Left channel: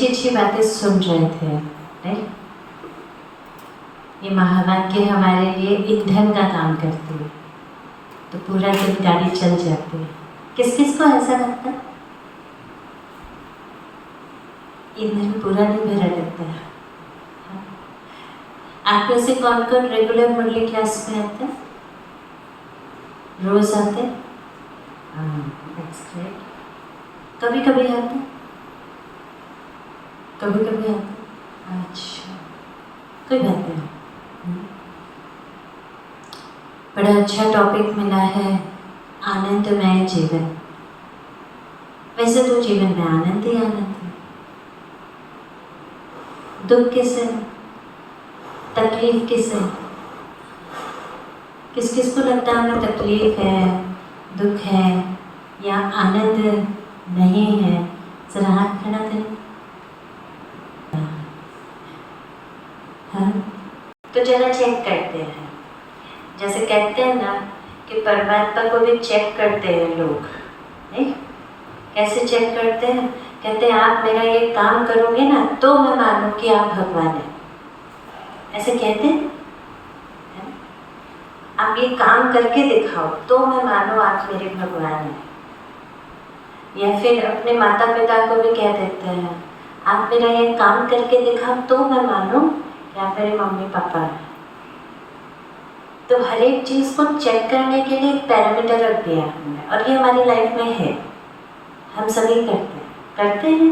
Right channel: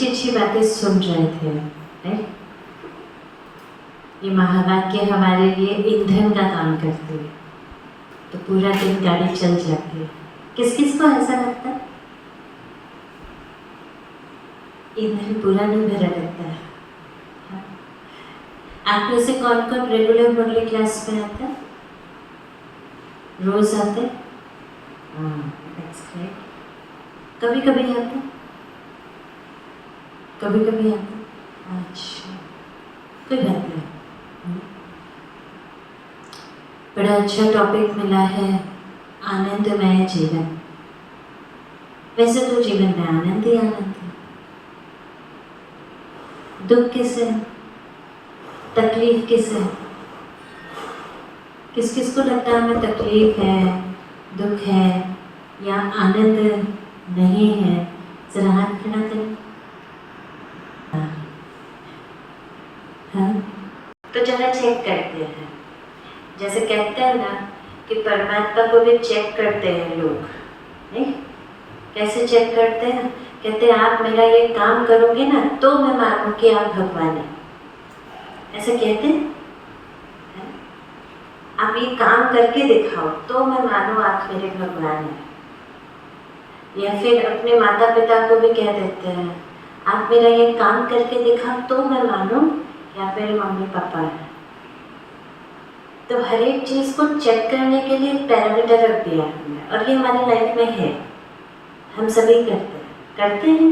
अच्छी अच्छी बातें सुन रहे थे, राइट? ये महावाक्य हमारे लिए ईंधन का काम करते हैं, तो पूरा दिन गाड़ी चल जाती है। किस किस को ऐसा लगता है? ईंधन पूरा नहीं भरा लगता है। आप में से कौन कौन रेगुलर मुरली क्लास में आता है? रोज आते? That's great. कभी कभी आते? कभी कभी आते? अच्छा, कोई बात नहीं। बड़ा अच्छा टॉपिक मिला है, आनंदमय जीवन। वैसे तो जीवन में आनंद ही आनंद है। दुख किसे, तकलीफ किसे? किस किस को लगता है हमें तकलीफ है, दुख है या आनंद नहीं है? जरा हाथ खड़ा करें। हाँ, तो जरा चेक करते हैं। जैसे कहते हैं ना कि परमात्मा को भी चेक करते हैं लोग, नहीं? कैसे चेक करते हैं? कहते हैं आप मेरा ये काम करोगे ना तो मैं मानूं कि आप भगवान हैं। ऐसे कहते हैं, आप ये काम करके दिखाओ तो मैं मानूं आप मेरे भगवान हैं। या फिर अपने माता पिता को भी कह देते हैं, आप मेरा ये काम करके दिखाओ तो मैं मानूं या मेरे मम्मी पापा हैं। तो हर एक चीज़ को चेक करने के लिए एक पैरामीटर रख दिया हमने, और ये हमारी लाइफ में है। हम सभी करते हैं।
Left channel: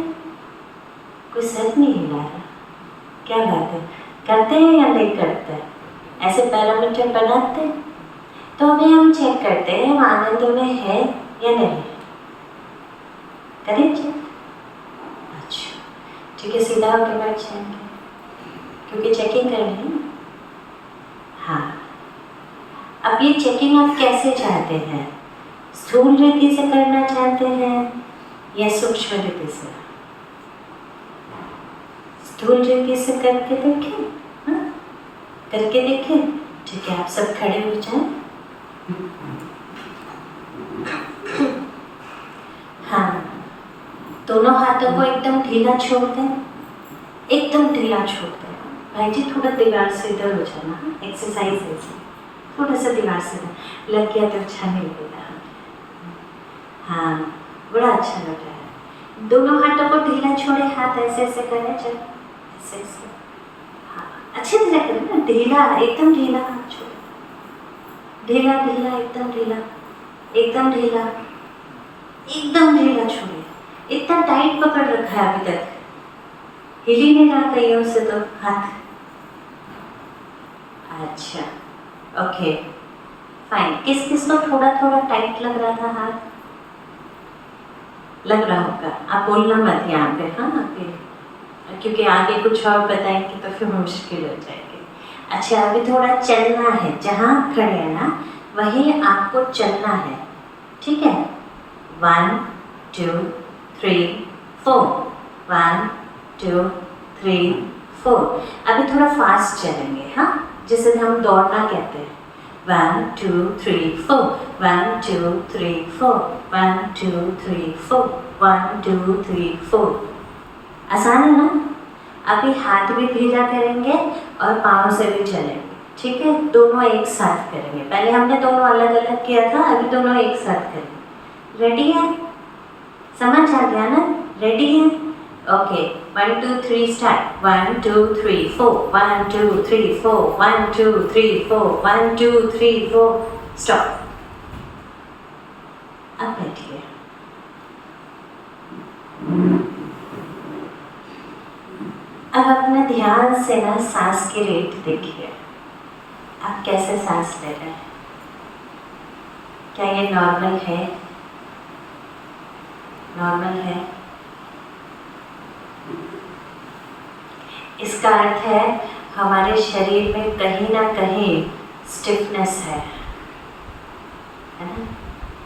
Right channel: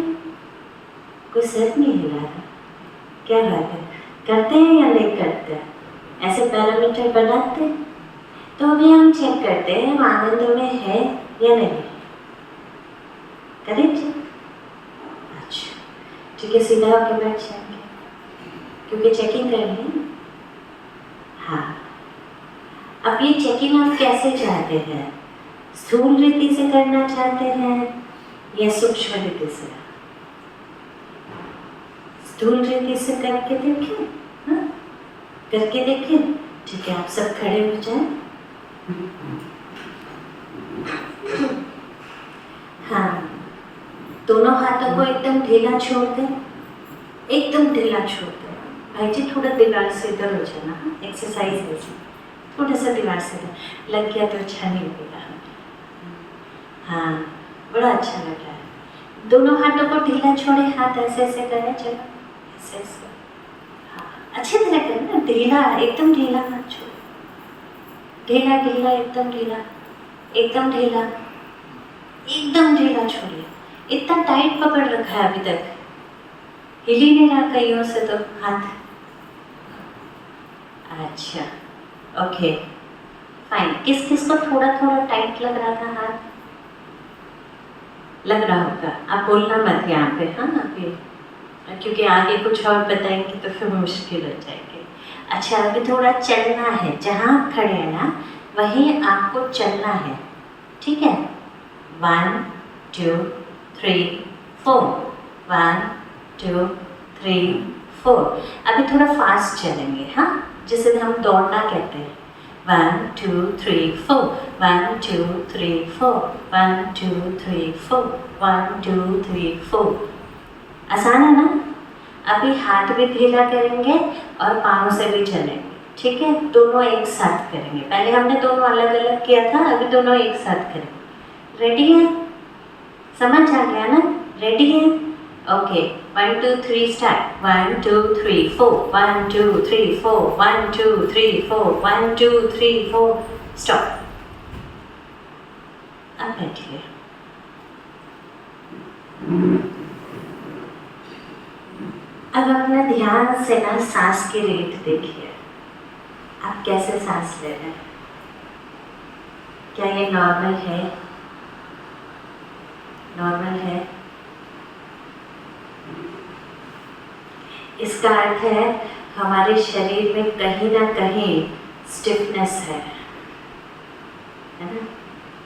कोई सर नहीं हिला रहा, क्या बात है? करते हैं या नहीं करते हैं? ऐसे पैरामीटर बनाते हैं, तो अभी हम चेक करते हैं हम आनंद में है या नहीं। करें चेक? अच्छा, ठीक है, सीधा होकर बैठ जाएंगे क्योंकि चेकिंग करनी है। हाँ, अब ये चेकिंग आप कैसे चाहते हैं? स्थूल रीति से करना चाहते हैं या सूक्ष्म रीति से? स्थूल रीति से करके देखें। हाँ, करके देखें। ठीक है, आप सब खड़े हो जाएं। हाँ, दोनों हाथों को एकदम ढीला छोड़ दें, एकदम ढीला छोड़ दें। भाई जी थोड़ा दीवार से इधर हो जाना, एक्सरसाइज है इसमें। थोड़ा सा दीवार से इधर लग गया तो अच्छा नहीं लगेगा। हाँ, बड़ा अच्छा लग रहा है। दोनों हाथों को ढीला छोड़े, हाथ ऐसे ऐसे करें, चलो ऐसे ऐसे। हाँ, अच्छी तरह करें ना, ढीला, एकदम ढीला हाथ छोड़ो, ढीला ढीला, एकदम ढीला, एकदम ढीला, एकदम ढीला छोड़िए। इतना टाइट पकड़ रखा है अभी तक, हिल ही नहीं रहा कईयों से तो हाथ। अच्छा, ओके, फाइन। किस किस को थोड़ा थोड़ा टाइट लग रहा था हाथ? लग रहा होगा, आप बोलना मत यहाँ पे। हाँ, आप ये, क्योंकि आगे कुछ और बताएंगे तो फिर मुश्किल हो जाएगी। अच्छा, अभी थोड़ा चलना है, जहाँ खड़े हैं ना वहीं आपको चलना है, ठीक है? 1 2 3 4, 1 2 3 4। अभी थोड़ा फास्ट चलेंगे, हाँ, जिसे हम दौड़ना कहते हैं। 1 2 3 4, 1 2 3 4, 1 2 3 4, 1 2 3 4। आसान है ना? अभी हाथ भी ढीला करेंगे और पाँव से भी चलेंगे, ठीक है? दोनों एक साथ करेंगे। पहले हमने दोनों अलग अलग किया था, अभी दोनों एक साथ करेंगे। रेडी है? समझ आ गया ना? रेडी है? Okay, 1 2 3 start. 1 2 3 4, 1 2 3 4, 1 2 3 4, 1 2 3 4, स्टॉप। अब बैठिए। अब अपना ध्यान से ना सांस की रेट देखिए, आप कैसे सांस ले रहे हैं? क्या ये नॉर्मल है? नॉर्मल है? इसका अर्थ है हमारे शरीर में कहीं ना कहीं स्टिफनेस है ना?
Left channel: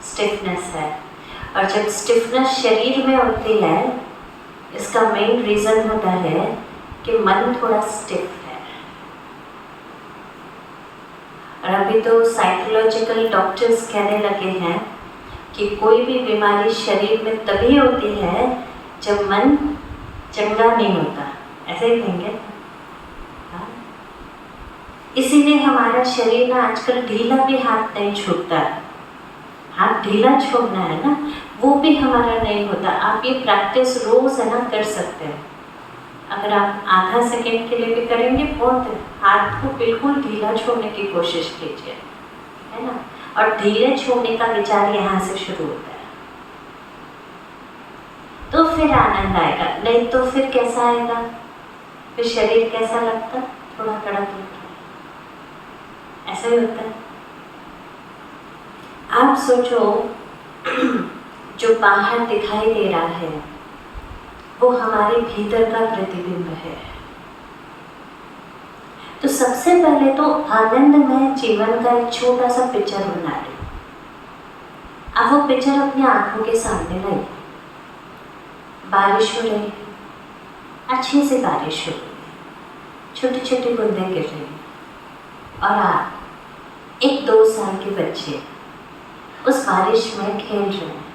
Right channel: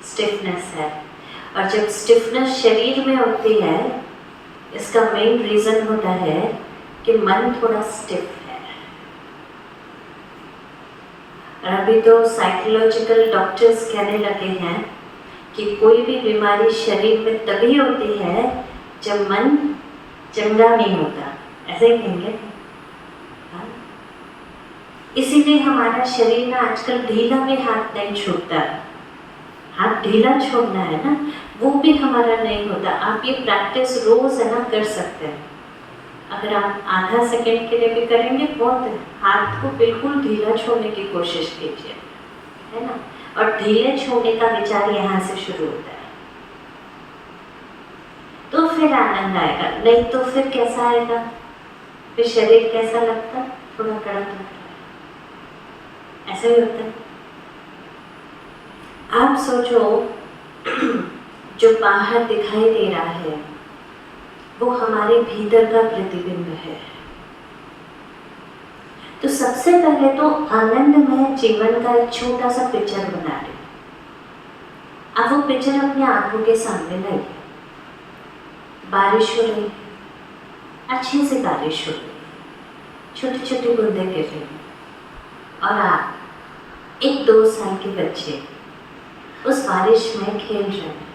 स्टिफनेस है। और जब स्टिफनेस शरीर में होती है, इसका मेन रीज़न होता है कि मन थोड़ा स्टिफ है। और अभी तो साइकोलॉजिकल डॉक्टर्स कहने लगे हैं कि कोई भी बीमारी शरीर में तभी होती है जब मन चंगा नहीं होता, ऐसे ही कहेंगे। हाँ? इसीलिए हमारा शरीर ना आजकल ढीला भी हाथ नहीं छूटता। हाथ ढीला छोड़ना है ना, वो भी हमारा नहीं होता। आप ये प्रैक्टिस रोज है ना कर सकते हैं। अगर आप आधा सेकंड के लिए भी करेंगे बहुत है। हाथ को बिल्कुल ढीला छोड़ने की कोशिश कीजिए, है ना। और ढीले छोड़ने का विचार यहाँ से शुरू होता है, तो फिर आनंद आएगा। नहीं तो फिर कैसा आएगा, फिर शरीर कैसा लगता, थोड़ा कड़क लगता, ऐसा ही होता है। आप सोचो जो बाहर दिखाई दे रहा है वो हमारे भीतर का प्रतिबिंब है। तो सबसे पहले तो आनंदमय जीवन का एक छोटा सा पिक्चर बना लें। आप वो पिक्चर अपनी आंखों के सामने लाइए। बारिश हो रही, अच्छी सी बारिश हो रही, छोटी छोटी बूंदें गिर रही, और आप 1-2 साल के बच्चे उस बारिश में खेल रहे हैं।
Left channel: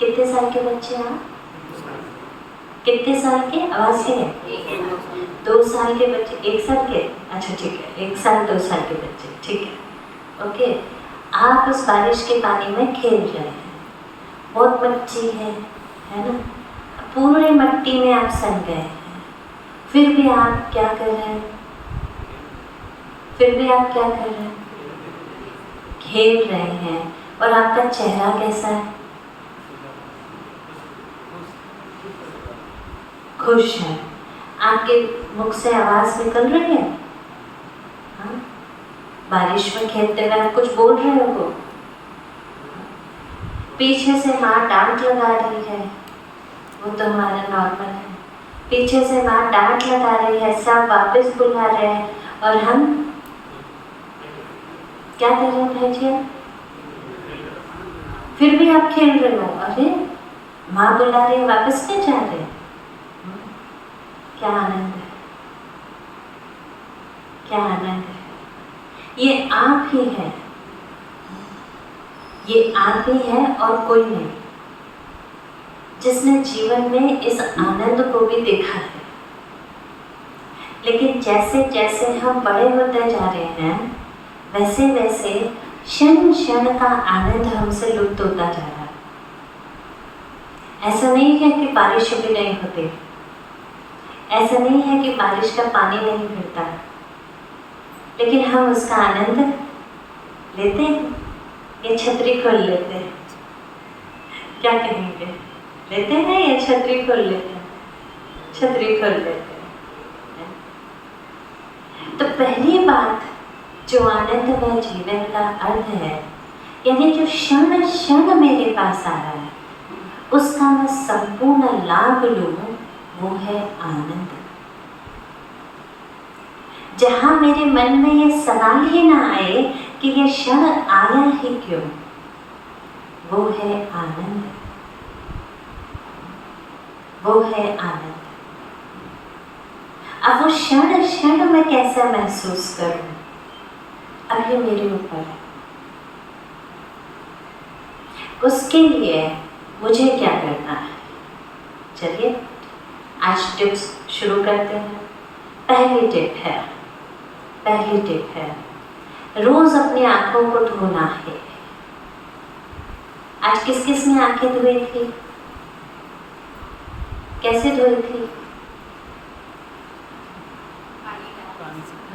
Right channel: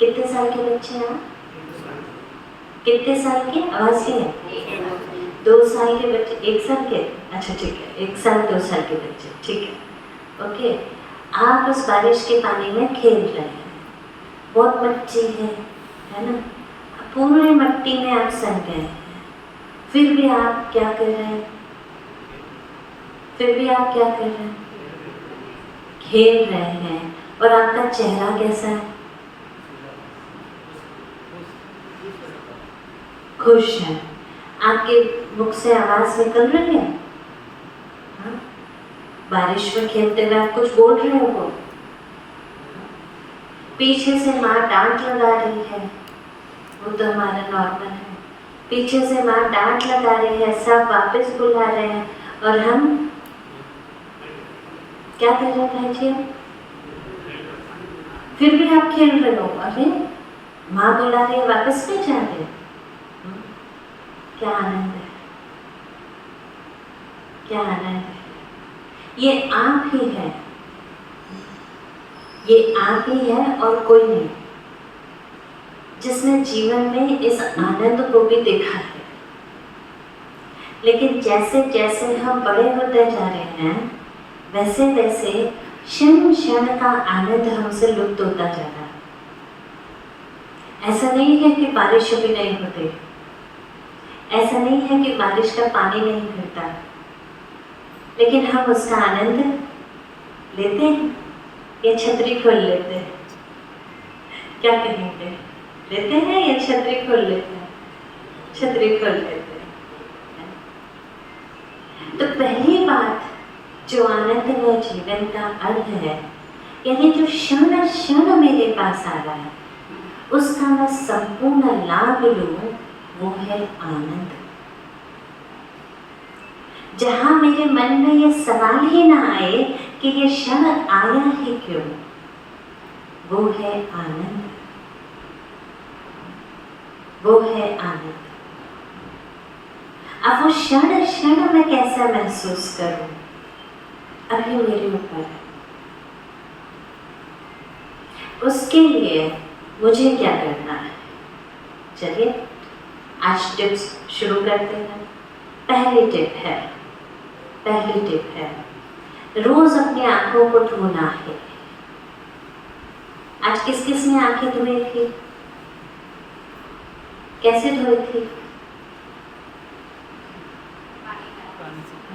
कितने साल के बच्चे हैं? कितने साल के? आवाज है 2 साल के बच्चे, 1 साल के, अच्छा ठीक है, 1 साल 2 साल के बच्चे, ठीक है, ओके। आप उस बारिश के पानी में खेल रहे हैं, बहुत मट्टी है ना, पूरे मट्टी में आप सन गए हैं, फिर भी आप क्या कर रहे हैं? फिर भी आप क्या कर रहे हैं? खेल रहे हैं। और आपका चेहरा कैसा है? खुश है। आपके मुख से आवाज निकल रही है? हाँ? बारिश में खेलते हुए आप कुछ बोल रहे हो? पीछे से माँ डांट लगा रही है, वो तो हमारा नॉर्मल है। पीछे से माँ डांट लगा रही है, सब वापस बुला रहे हैं, और हम क्या कर रहे हैं भाई जी? फिर भी आप खेल रहे हो। अरे माँ बुला रही है, वापस क्या जा रहे हैं? क्या आनंद है, क्या आनंद है। ये आप ही है, ये आप ही है और कोई नहीं, जिसने जीवन में इस आनंद को भी देखा है। लेकिन जैसे जैसे हम बड़े होते जा रहे हैं, वैसे वैसे क्षण क्षण का आनंद हमसे लुप्त होता जा रहा है। ऐसा नहीं है कि बारिश अभी नहीं होती, ऐसा नहीं है कि बारिश का पानी नहीं गिरता, लेकिन हम उसका आनंद लेते हैं या छतरी खोल लेते हैं? क्या कहेंगे, लेते हैं या छतरी खोल लेते हैं? छतरी खोल लेते हैं। तो पहली बात जो आनंदमय जीवन का अर्थ है, यानी जो क्षण क्षण मेरे पास आ रहा है उसका मैं संपूर्ण लाभ लूं, वो है आनंद। जहां मेरे मन में ये सवाल ही ना आए कि ये क्षण आया ही क्यों, वो है आनंद, वो है आनंद। अब वो क्षण क्षण मैं कैसा महसूस करूं, अभी मेरे ऊपर है। उसके लिए मुझे क्या करना है? चलिए आज टिप्स शुरू करते हैं। पहली टिप है रोज अपनी आंखों को धोना है। आज किस किस ने आंखें धोई थी? कैसे धोई थी?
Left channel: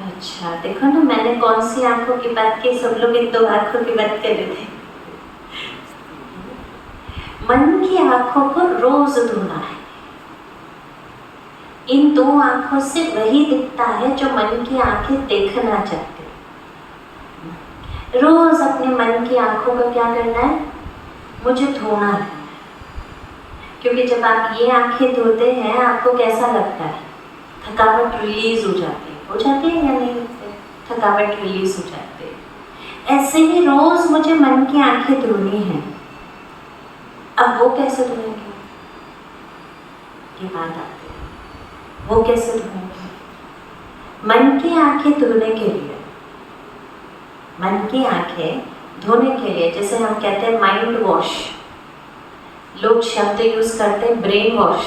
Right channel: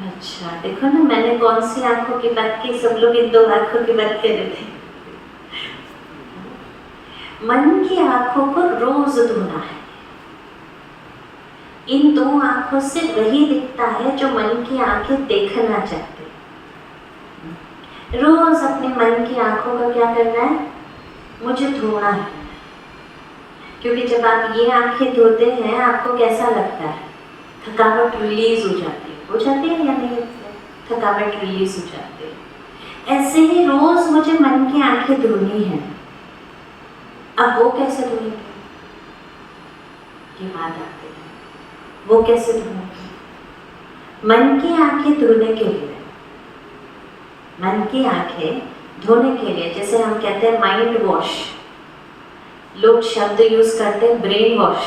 अच्छा देखो ना, मैंने कौन सी आंखों की बात की, सब लोग इन 2 आंखों की बात कर रहे थे। मन की आंखों को रोज धोना है। इन 2 आंखों से वही दिखता है जो मन की आंखें देखना चाहते। रोज अपने मन की आंखों को क्या करना है? मुझे धोना है। क्योंकि जब आप ये आंखें धोते हैं आपको कैसा लगता है? थकावट रिलीज हो जाती है या नहीं? थकावट रिलीज हो जाती है। ऐसे ही रोज मुझे मन की आंखें धोनी है। अब वो कैसे धोएंगे? ये बात आती है, वो कैसे धोएंगे? मन की आंखें धोने के लिए, मन की आंखें धोने के लिए, जैसे हम कहते हैं माइंड वॉश, लोग शब्द यूज करते हैं ब्रेन वॉश,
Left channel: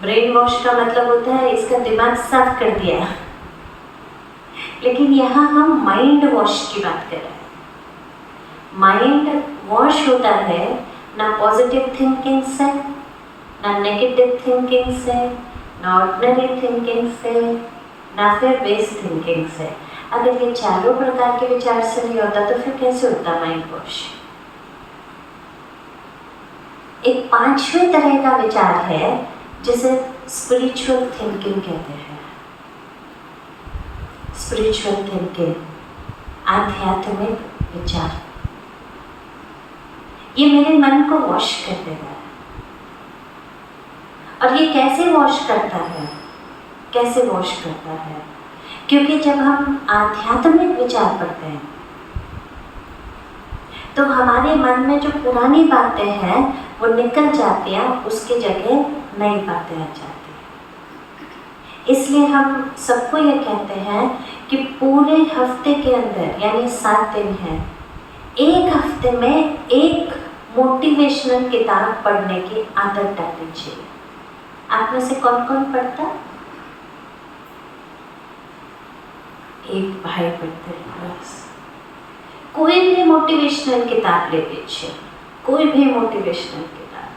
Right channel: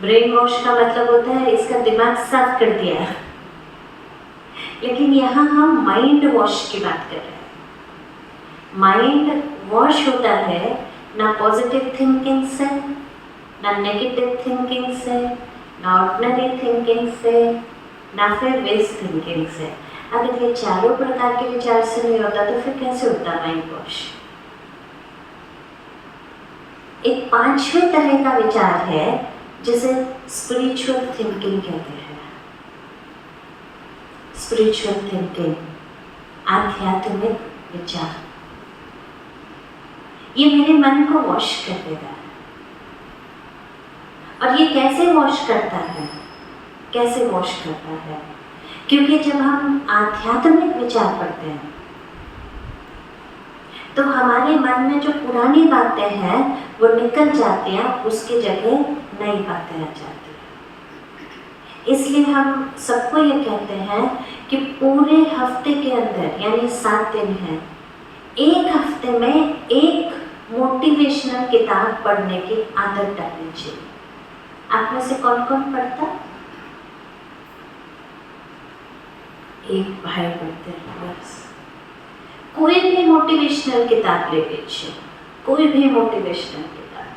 ब्रेन वॉश का मतलब होता है इसका दिमाग साफ कर दिया, लेकिन यहाँ हम माइंड वॉश की बात कर रहे हैं। माइंड वॉश होता है ना पॉजिटिव थिंकिंग से, ना नेगेटिव थिंकिंग से, ना ऑर्डिनरी थिंकिंग से, ना फिर वेस्ट थिंकिंग से। अगर ये चारों प्रकार के विचार से नहीं होता तो फिर कैसे होता माइंड वॉश? एक पांचवें तरह का विचार है जिसे स्पिरिचुअल थिंकिंग कहते हैं। स्पिरिचुअल थिंकिंग, आध्यात्मिक विचार, ये मेरे मन को वॉश कर देता है। और ये कैसे वॉश करता है? कैसे वॉश करता है? क्योंकि जब हम आध्यात्मिक विचार करते हैं तो हमारे मन में जो पुरानी बातें हैं वो निकल जाती हैं, उसकी जगह नई बातें आ जाती हैं। इसलिए हम सबको ये कहते हैं कि पूरे हफ्ते के अंदर, यानी 7 दिन हैं, एक हफ्ते में एक मोटिवेशनल किताब पढ़ने की आदत डालनी चाहिए। आप में से कौन कौन पढ़ता? एक भाई पढ़ते हैं बस। कोई भी मोटिवेशनल किताब ले लीजिए, कोई भी मोटिवेशनल किताब,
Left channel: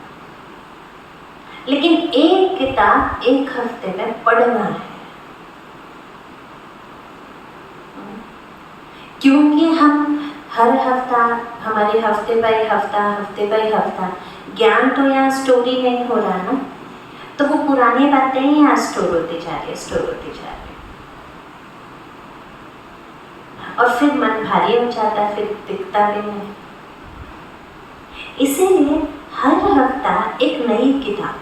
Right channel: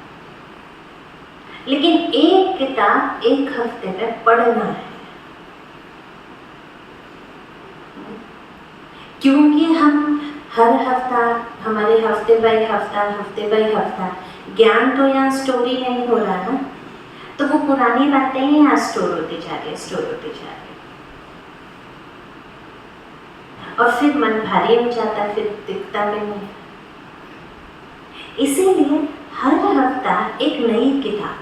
लेकिन एक किताब एक हफ्ते में पढ़ना है। क्योंकि हम हर हफ्ता, हमारे हफ्ते बाय हफ्ता ज्ञान तो यहाँ स्टोरी नहीं हो रहा ना, तो वो पुरानी बातें ही यहाँ स्टोर होती जा रही है। और फिर मन भारी हो जाता है, फिर दिखता भी नहीं। इसीलिए हर हफ्ता एक नई किताब,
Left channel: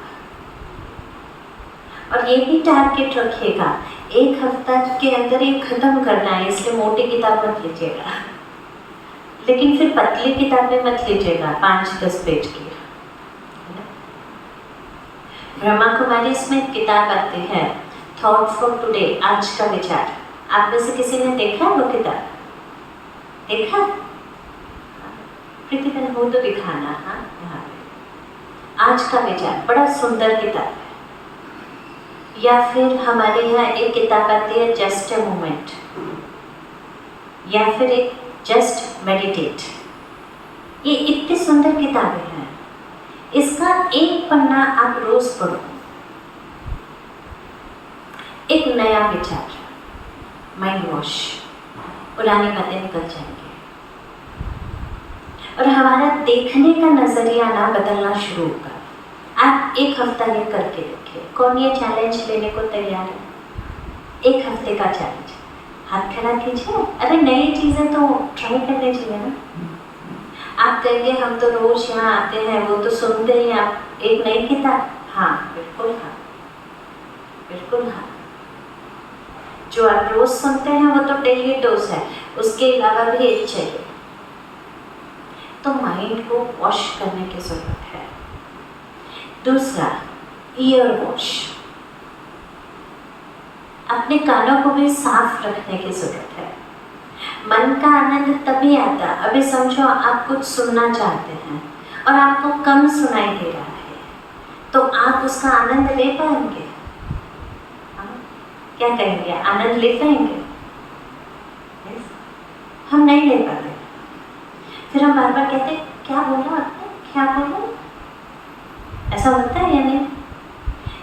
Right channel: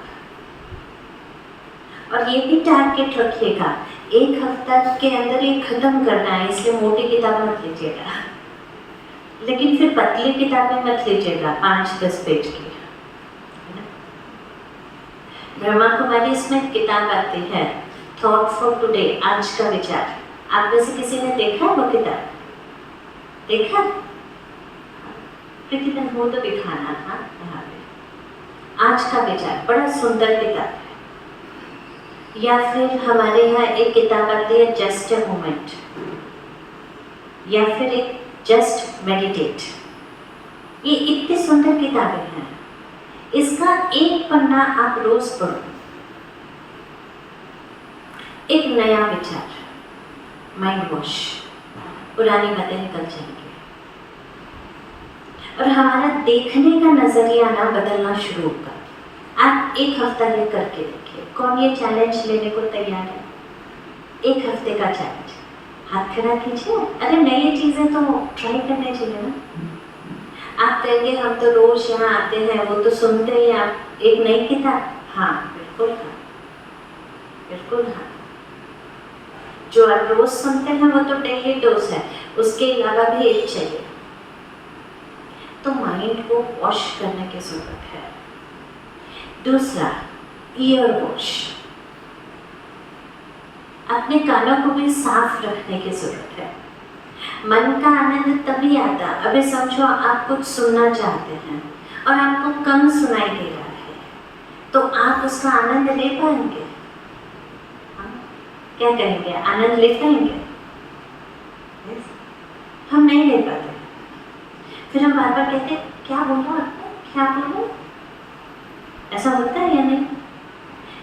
और ये भी टारगेट रखिएगा, एक हफ्ता के अंदर ये खत्म करना है, इसलिए मोटी किताब मत लीजिएगा, लेकिन फिर पतली किताबें मत लीजिएगा 5-10 पेज की। ब्रह्मा कुमारी इसमें किताब आती है थॉट फॉर टुडे, आज का विचार। आप में से किसी ने देखा वो किताब? देखा? प्रतिदिन हो तो दिखाना। हाँ, आज का विचार बड़ा सुंदर किताब है। या फिर हमारे यहाँ एक किताब आती है जस्ट अ मोमेंट, या फिर एक जस्ट मेडिटेट। ये इतनी सुंदर किताबें हैं, इसका एक पन्ना आप रोज पढ़ो, एक नया विचार, माइंड वॉश, पुरानी बातें निकल जाएंगी और हमारा देखने का नजरिया ना बदलना शुरू होगा। आप एक हफ्ता ये करके देखिए। कौन ये चैलेंज लेने को तैयार है? एक हफ्ते का चैलेंज, हाथ खड़ा कीजिए। अरे नई चीजें तो ट्राई करने चाहिए ना। आप कहेंगे हम तो रोज यहाँ आते हैं, वो तो सुनते ही, आप एक नई किताब। हाँ बिल्कुल, हाँ बिल्कुल, हाँ। जो आप रोज सुनते हैं वो तो डेली डोज है, उसके अलावा भी एक चाहिए। तो माइंड को वॉश करने की जरूरत है। दूसरा, ईयर वॉश, अपने कानों को भी साफ रखने की जरूरत है। मन का आनंद तभी आता, अभी समझो आप कुछ सुनना चाहते हैं और आपको कम सुनाई दे रहा है, तो आप उसका आनंद ले पाएंगे? क्या कहेंगे, आनंद ले पाएंगे? हम नहीं ले पाते। फिर हम बार बार कहते क्या बोला आपने, क्या बोला? ऐसा होता है या नहीं?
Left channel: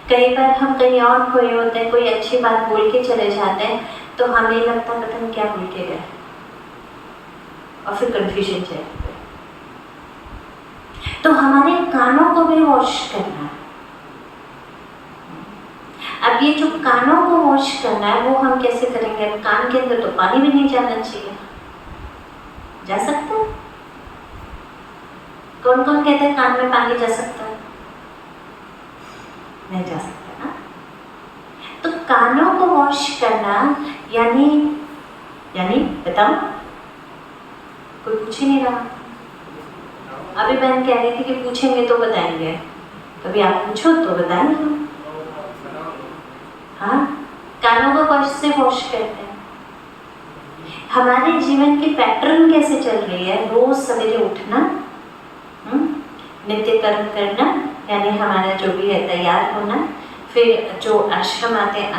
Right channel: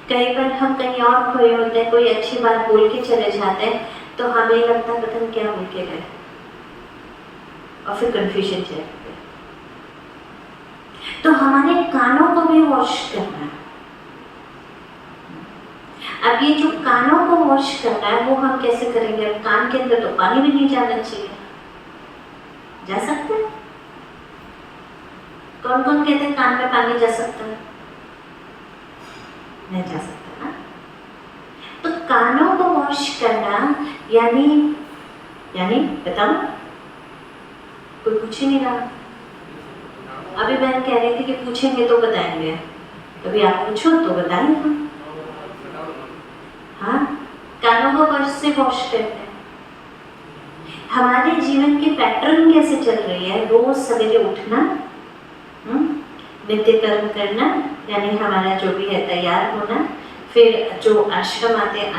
कई बार हम कहीं और खोए होते हैं, कोई अच्छी बात बोल के चले जाते हैं, तो हमें लगता है पता नहीं क्या बोल के गए, और फिर कंफ्यूजन चल। तो हमारे कानों को भी वॉश करना है। अब ये जो कानों को वॉश करना है वो हम कैसे करेंगे? अब कान के अंदर तो पानी भी नहीं जाना चाहिए, जा सकता है? कौन कौन कहते हैं कान में पानी जा सकता है? नहीं जा सकता ना। तो कानों को वॉश करना यानी बताओ, कोई पूछ ही नहीं रहा। अभी बहन कह रही थी कि पूछेंगे तो बताएंगे, कभी आप पूछो तो बताएंगे हम। हाँ, कानों को कैसे वॉश करते हैं? हमारे जीवन की पैटर्न कैसे चल रही है? रोज सवेरे उठना, नित्य कर्म करना, यानी हमारा जो भी है तैयार होना, फिर जो आश्रम आते हैं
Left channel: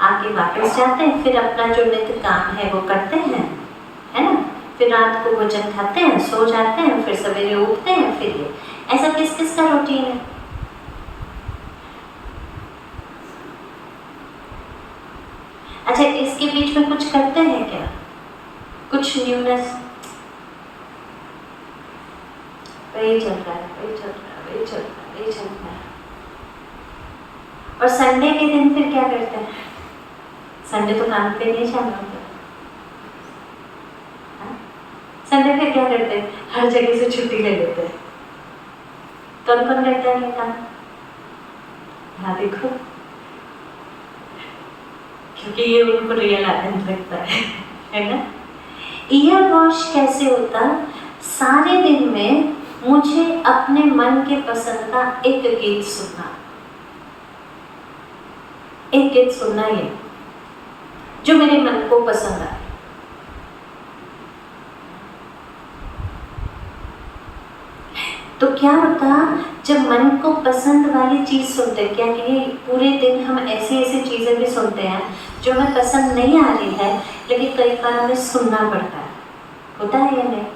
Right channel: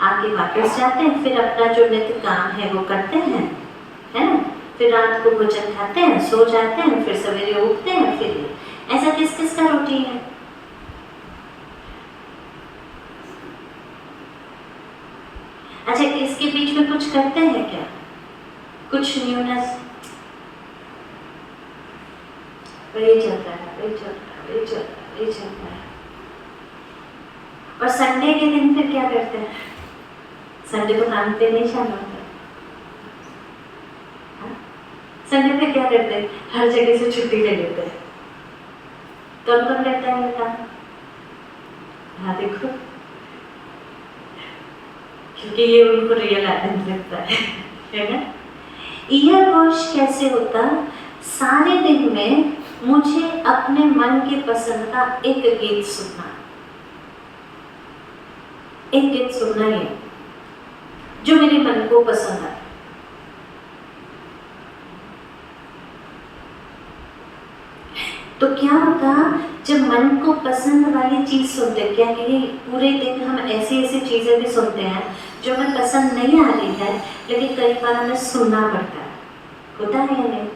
आके वापस जाते हैं, फिर अपना जो नित्य काम है वो करते हैं, है ना। फिर रात को भोजन खाते हैं, सो जाते हैं, फिर सवेरे उठते हैं, फिर ये ऐसा किस किस का रूटीन है। अच्छा, इसके बीच में कुछ करते हैं क्या, कुछ न्यूनेस? वही चल रहा है। और संडे के दिन फिर क्या करते हैं? संडे तो काम पे नहीं जाना होता। संडे पे क्या करते हैं? हर जगह से छुट्टी ले लेते हैं। कौन कौन करता है ये काम? हाँ देखो, क्योंकि ये उनको रियल आनंद लगता है ना। ईयर वॉश कैसे होता? सारे दिन में मुझे अपने मन के पसंद का एक गीत सुनना, एक गीत सुनना ही जो मेरे मन को पसंद आए। तो क्या होता, जब मन को पसंद वाली चीज सुनते, क्या कि पूरे दिन हम ऐसी ऐसी चीजें भी सुनते हैं जो हमें पसंद नहीं आ रही है, लेकिन कई बार हमें सुनना पड़ता है, होता है या नहीं?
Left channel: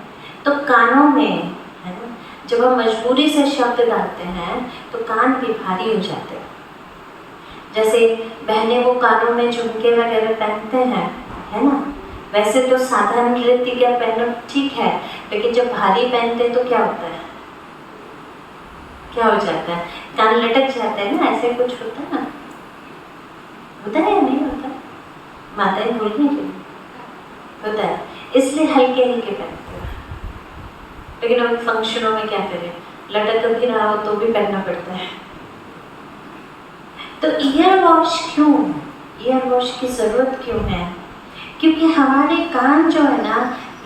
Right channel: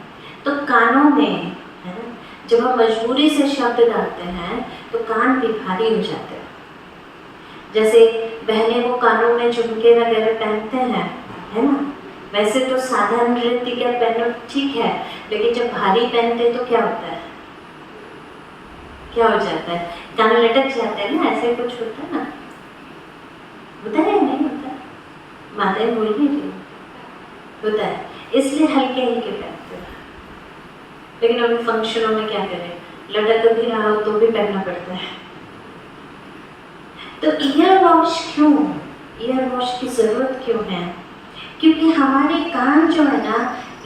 तो कानों में है ना, जब हम मजबूरी से शब्द डालते हैं तो कान भी भारी हो जाते हैं। जैसे बहनें वो कानों में झुमके वगैरह पहनते हैं, है ना। वैसे तो साधारण नृत्य का पहनो ठीक है, लेकिन जब भारी पहनते तो क्या होता है, क्या हो जाता है? कान लटक जाता है ना, ऐसे कुछ होता है ना, होता है या नहीं होता? माताएं बोलिए जो होता है, इसलिए हल्के हल्के पहनते हैं। लेकिन हम फंक्शनों में क्या करें, लटक भी रहा हो तो भी पहनना पड़ता है। तो ईयर वॉश क्यों, ईयर वॉश की जरूरत क्यों है? क्योंकि हमारे कान जो है ना,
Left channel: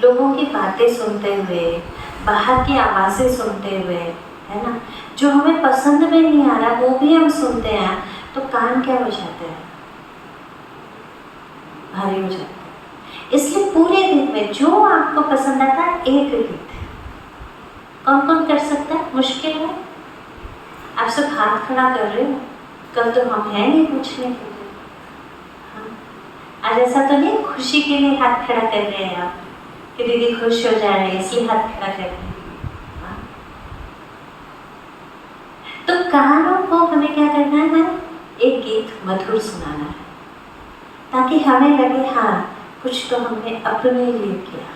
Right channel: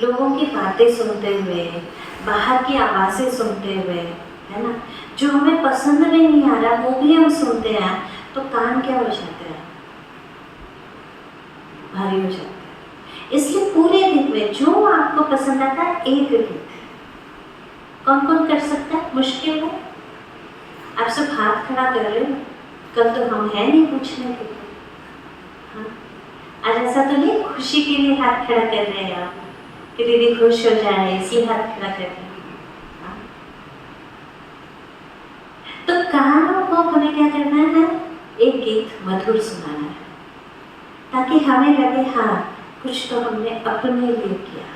लोगों की बातें सुनते हुए, बाहर की आवाज़ें सुनते हुए, है ना, जो हमें पसंद भी नहीं आ रहा वो भी हम सुनते हैं, तो कान क्या हो जाते हैं, भारी हो जाते हैं। इसलिए पूरे दिन में जो आपको पसंद आता है एक गीत, कौन कौन कर सकता है? मुश्किल है? आप सब हाथ खड़ा कर रहे हो, कल तो हम हैं नहीं पूछने के लिए। हाँ, आज ऐसा तो नहीं खुशी के लिए हाथ खड़ा कर रहे हैं आप कि दीदी खुश हो जा रहे हैं इसलिए हाथ खड़ा कर रहे हैं। तो कानों को हमें क्या करना है, एक गीत मधुर सुनाना है, ताकि हमें लगे हाँ कुछ तो हमने अपने लिए किया।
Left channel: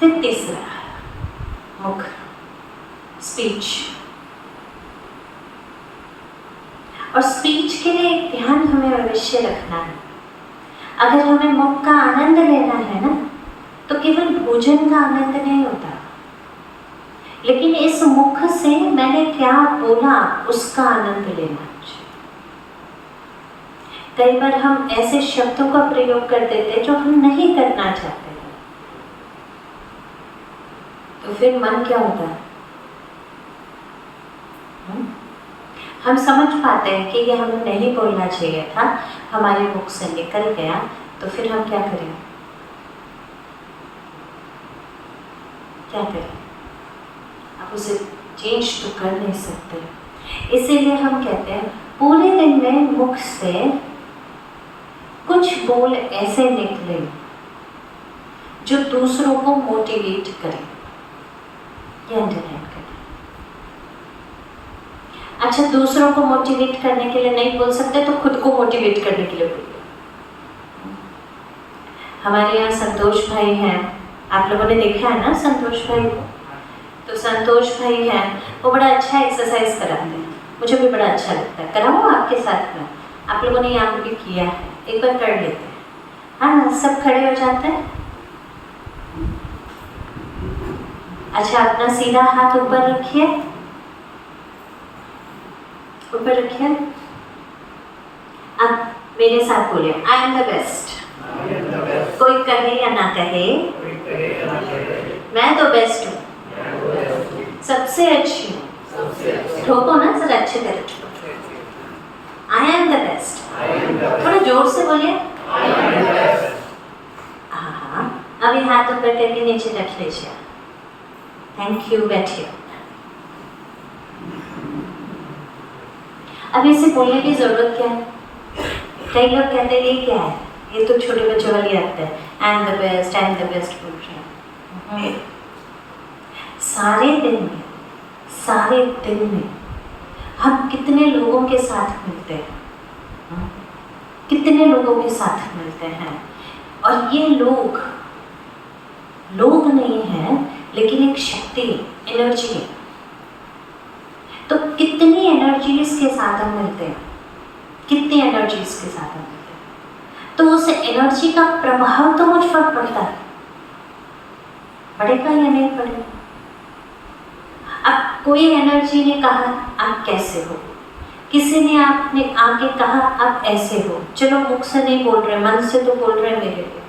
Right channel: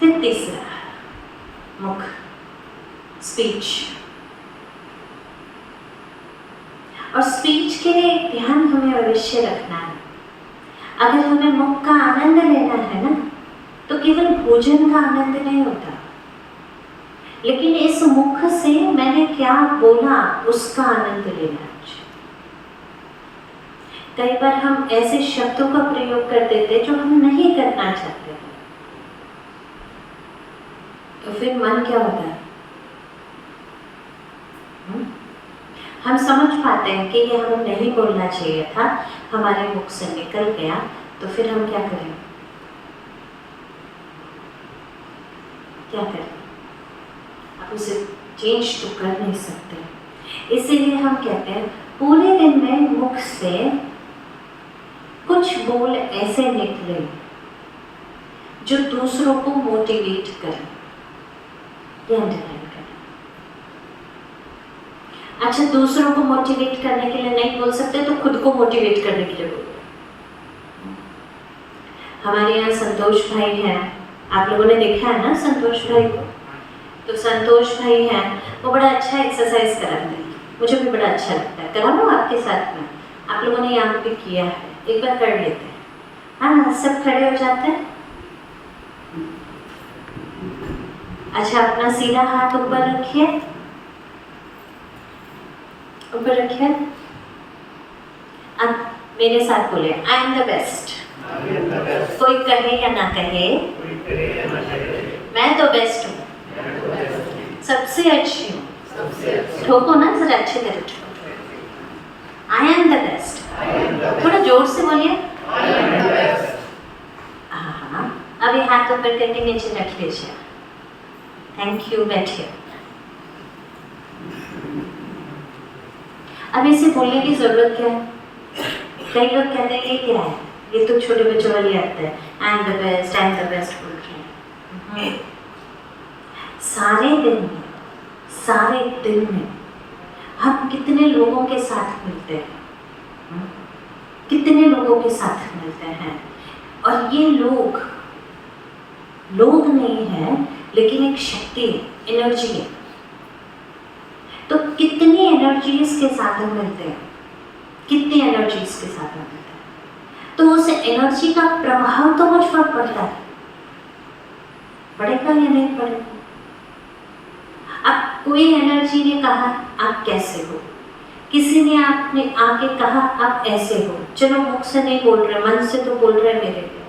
फिर तीसरा, मुख, स्पीच। और स्पीच के लिए एक ध्यान हमें अवश्य रखना है। अगर हमें मुख का आनंद लेना है ना, तो केवल भोजन का आनंद नहीं होता, लेकिन इस मुख से मैंने क्या बोला उसका आनंद लेना चाहिए। कई बार हम ऐसे शब्दों का प्रयोग कर देते जो हम नहीं करना चाहते, तो फिर मन क्या होता है, हम समझ पाते हैं कि ये हमें नहीं बोलना चाहिए था, हमारे मुख से निकल गया, तो फिर हम क्या करें, क्या करें? आप उसे चेंज तो कर नहीं सकते। इसीलिए हम कहते हैं पूरे दिन में मुख से कुछ बोल ऐसे निकले जो दूसरों को मोटिवेट करें या अंडरलाइन करें। अच्छा, दूसरों को मोटिवेट करने के लिए नहीं बोल सकते तो खुद को मोटिवेट करने के लिए बोलो। हमारे यहाँ संतोष भाई हैं, आप लोगों ने देखा है ना संतोष भाई को? तो संतोष भाई हैं, वो बड़ा अच्छा एक्सरसाइज कराते हैं, मुझे भी बड़ा अच्छा लगता है। कराऊँ आपके साथ में? आप लोगों ने यहाँ पे किया है, एक बार कर लेते हैं। हाँ, सब खड़े हो जाते हैं। अच्छा, अपना सीधा हाथ ऊपर रखिए, ऊपर रखिए। अब मेरे साथ बोले, आई एम द बेस्ट। कोई कहे या ना कहे, मैं तो बेस्ट हूँ, सबसे अच्छी हूँ। ठोको ना, जरा अच्छे तरह ठोको। I am the best. थोड़ा जोर से बोलिए। हाँ, अभी हाथ ऊपर करके नीचे रख लीजिए। थैंक यू, बैठिए। अब इसे बोलने की ज़रूरत क्या है? कई लोग कहते हैं ये क्या है, ये तो छोटे बच्चों वाली आते हैं, एंड द बेस्ट बोल रहे हैं। सारे दिन में हम कितने लोगों के साथ मिलते हैं, कितने लोगों के साथ मिलते हैं, और ये लोग नहीं है, लेकिन एक शक्ति, एनर्जी है। तो कितनी एनर्जीज के साथ हम मिलते हैं, कितनी एनर्जीज के साथ हम मिलते हैं, तो उस एनर्जी का प्रभाव तो मुझ पर पड़ता है, पड़ेगा या नहीं पड़ेगा? अब कोई एनर्जी ने कहा आप कैसे हो, किसी ने आपने आके कहा आप ऐसे हो, चलो मुख से नहीं बोल रहे, मन से तो बोल रहे मेरे लिए,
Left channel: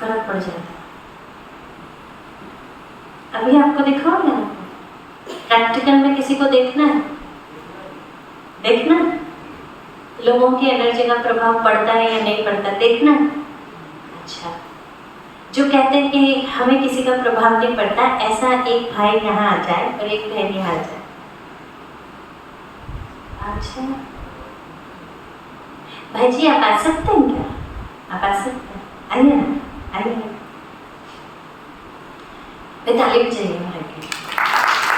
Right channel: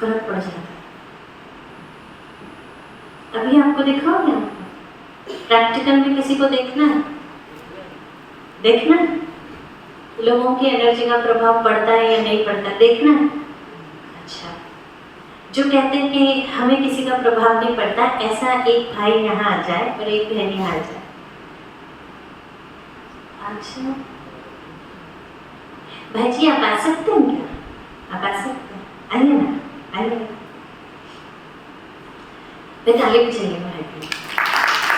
फर्क पड़ जाता है। अभी आपको दिखाओ ना, प्रैक्टिकल में किसी को देखना है, लोगों की एनर्जी का प्रभाव पड़ता है या नहीं पड़ता, देखना। अच्छा, जो कहते हैं कि हमें किसी का प्रभाव नहीं पड़ता, ऐसा एक भाई यहाँ आ जाए और एक बहन यहाँ आ जाए। अच्छा भाई जी आप आ सकते हैं क्या? आप आ सकते हैं, आइए ना, आइए ना। ताली बजाइए भाई की।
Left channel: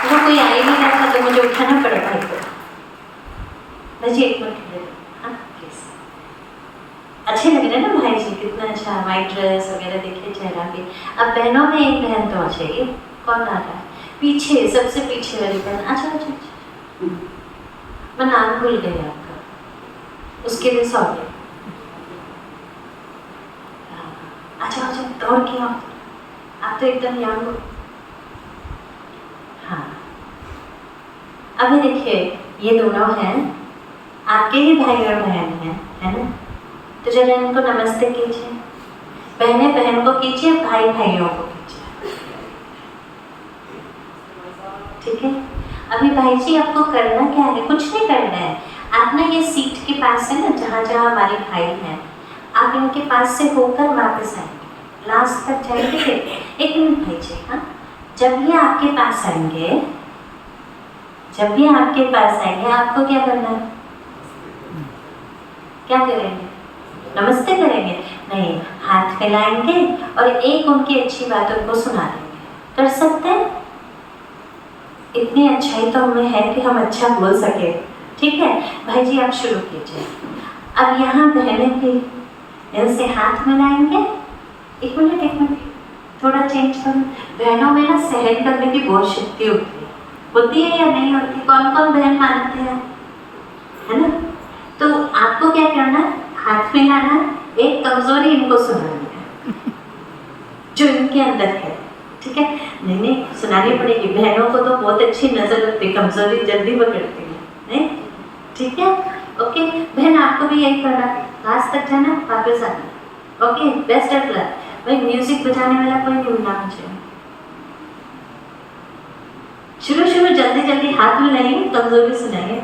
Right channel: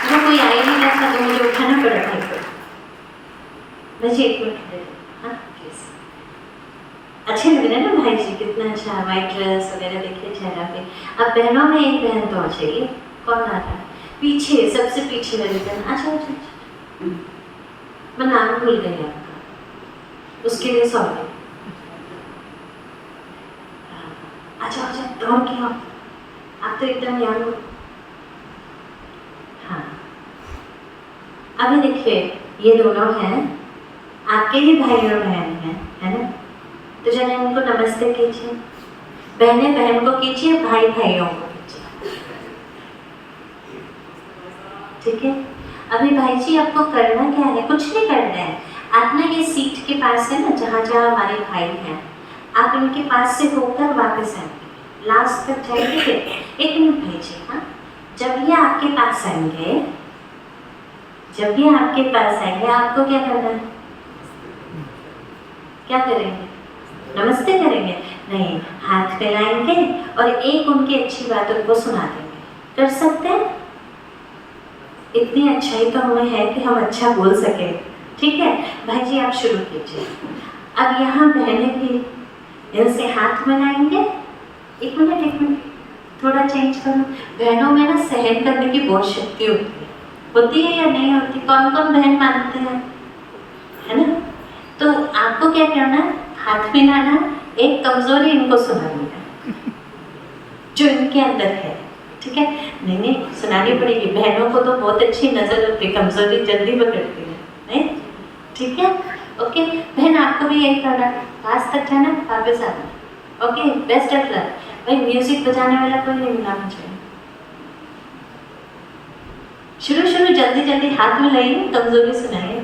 अगर कोई आ ही नहीं रहा था तो मुझे उठाना पड़ा भाई को। भाई जी एक मिनट दे दो, हाँ प्लीज। अच्छे लग रहे हैं ना भाई जी, कितना अच्छा वाइट ड्रेस वगैरह, देखिए चेहरा पे। अब बहनों में एक बहन तो आ चाहिए, कौन आ रहा है? पीछे, सबसे पीछे वाली बहन। अच्छा, मैं नाम भूल गई आपका, उसके लिए सॉरी। अच्छा दौड़ के आओ, आप तो एकदम यंग हो। हाँ, अभी देखिए ये दोनों हैं, आपके ही भाई और बहन हैं, है ना? तो जरा इनको नमस्ते कीजिए, बहनें बहन को कीजिए, भाई भाइयों को कीजिए, ठीक है? अभी भाई जी आपको करना क्या है? कुछ नहीं करना है, आप ना ये सीट के पास है ना, जहाँ जहाँ हमारे भाई हैं, आप इनके पास से होकर वापस आएंगे, लास्ट तक जाएंगे। एक मिनट भाई जी, हाँ, जब ये आपके पास आएंगे, आपको क्या करना है? क्या करेंगे? नमस्ते करेंगे? नहीं, हाथ फैलाएंगे और एक उनकी अच्छी बात उनको सुना देंगे। कर सकते हैं? इतनी अच्छाई तो हमें है कि हम अच्छा बोल सके, ठीक है? भाई जी आप शुरू कीजिए। अब यहाँ बहनें भी ऐसे हाथ मिलाएंगे। एक मिनट, थोड़ा चेंज करो। बहनों में ना सहन करने की बहुत शक्ति होती है या नहीं होती? कौन कौन बहन मानते हैं, है ना? तो आपको क्या करना है? हाथ मिलाना, एक कमजोरी इनको सुनानी है जो इनके अंदर है, ठीक है? नहीं सुनानी पड़ेगी। बहनों को तो बहुत अच्छी नजर होती है, कमजोरी जल्दी पकड़ती है, नहीं? ठीक है, ओके। बहन आपको भी यही करना, लास्ट तक जाना, वापस आना, ओके? Best of luck. भाई म्यूजिक बजाने वाला कोई नहीं मिला मुझे। शुरू जल्दी हाथ मिलाइए, कमजोरी सुनाइए,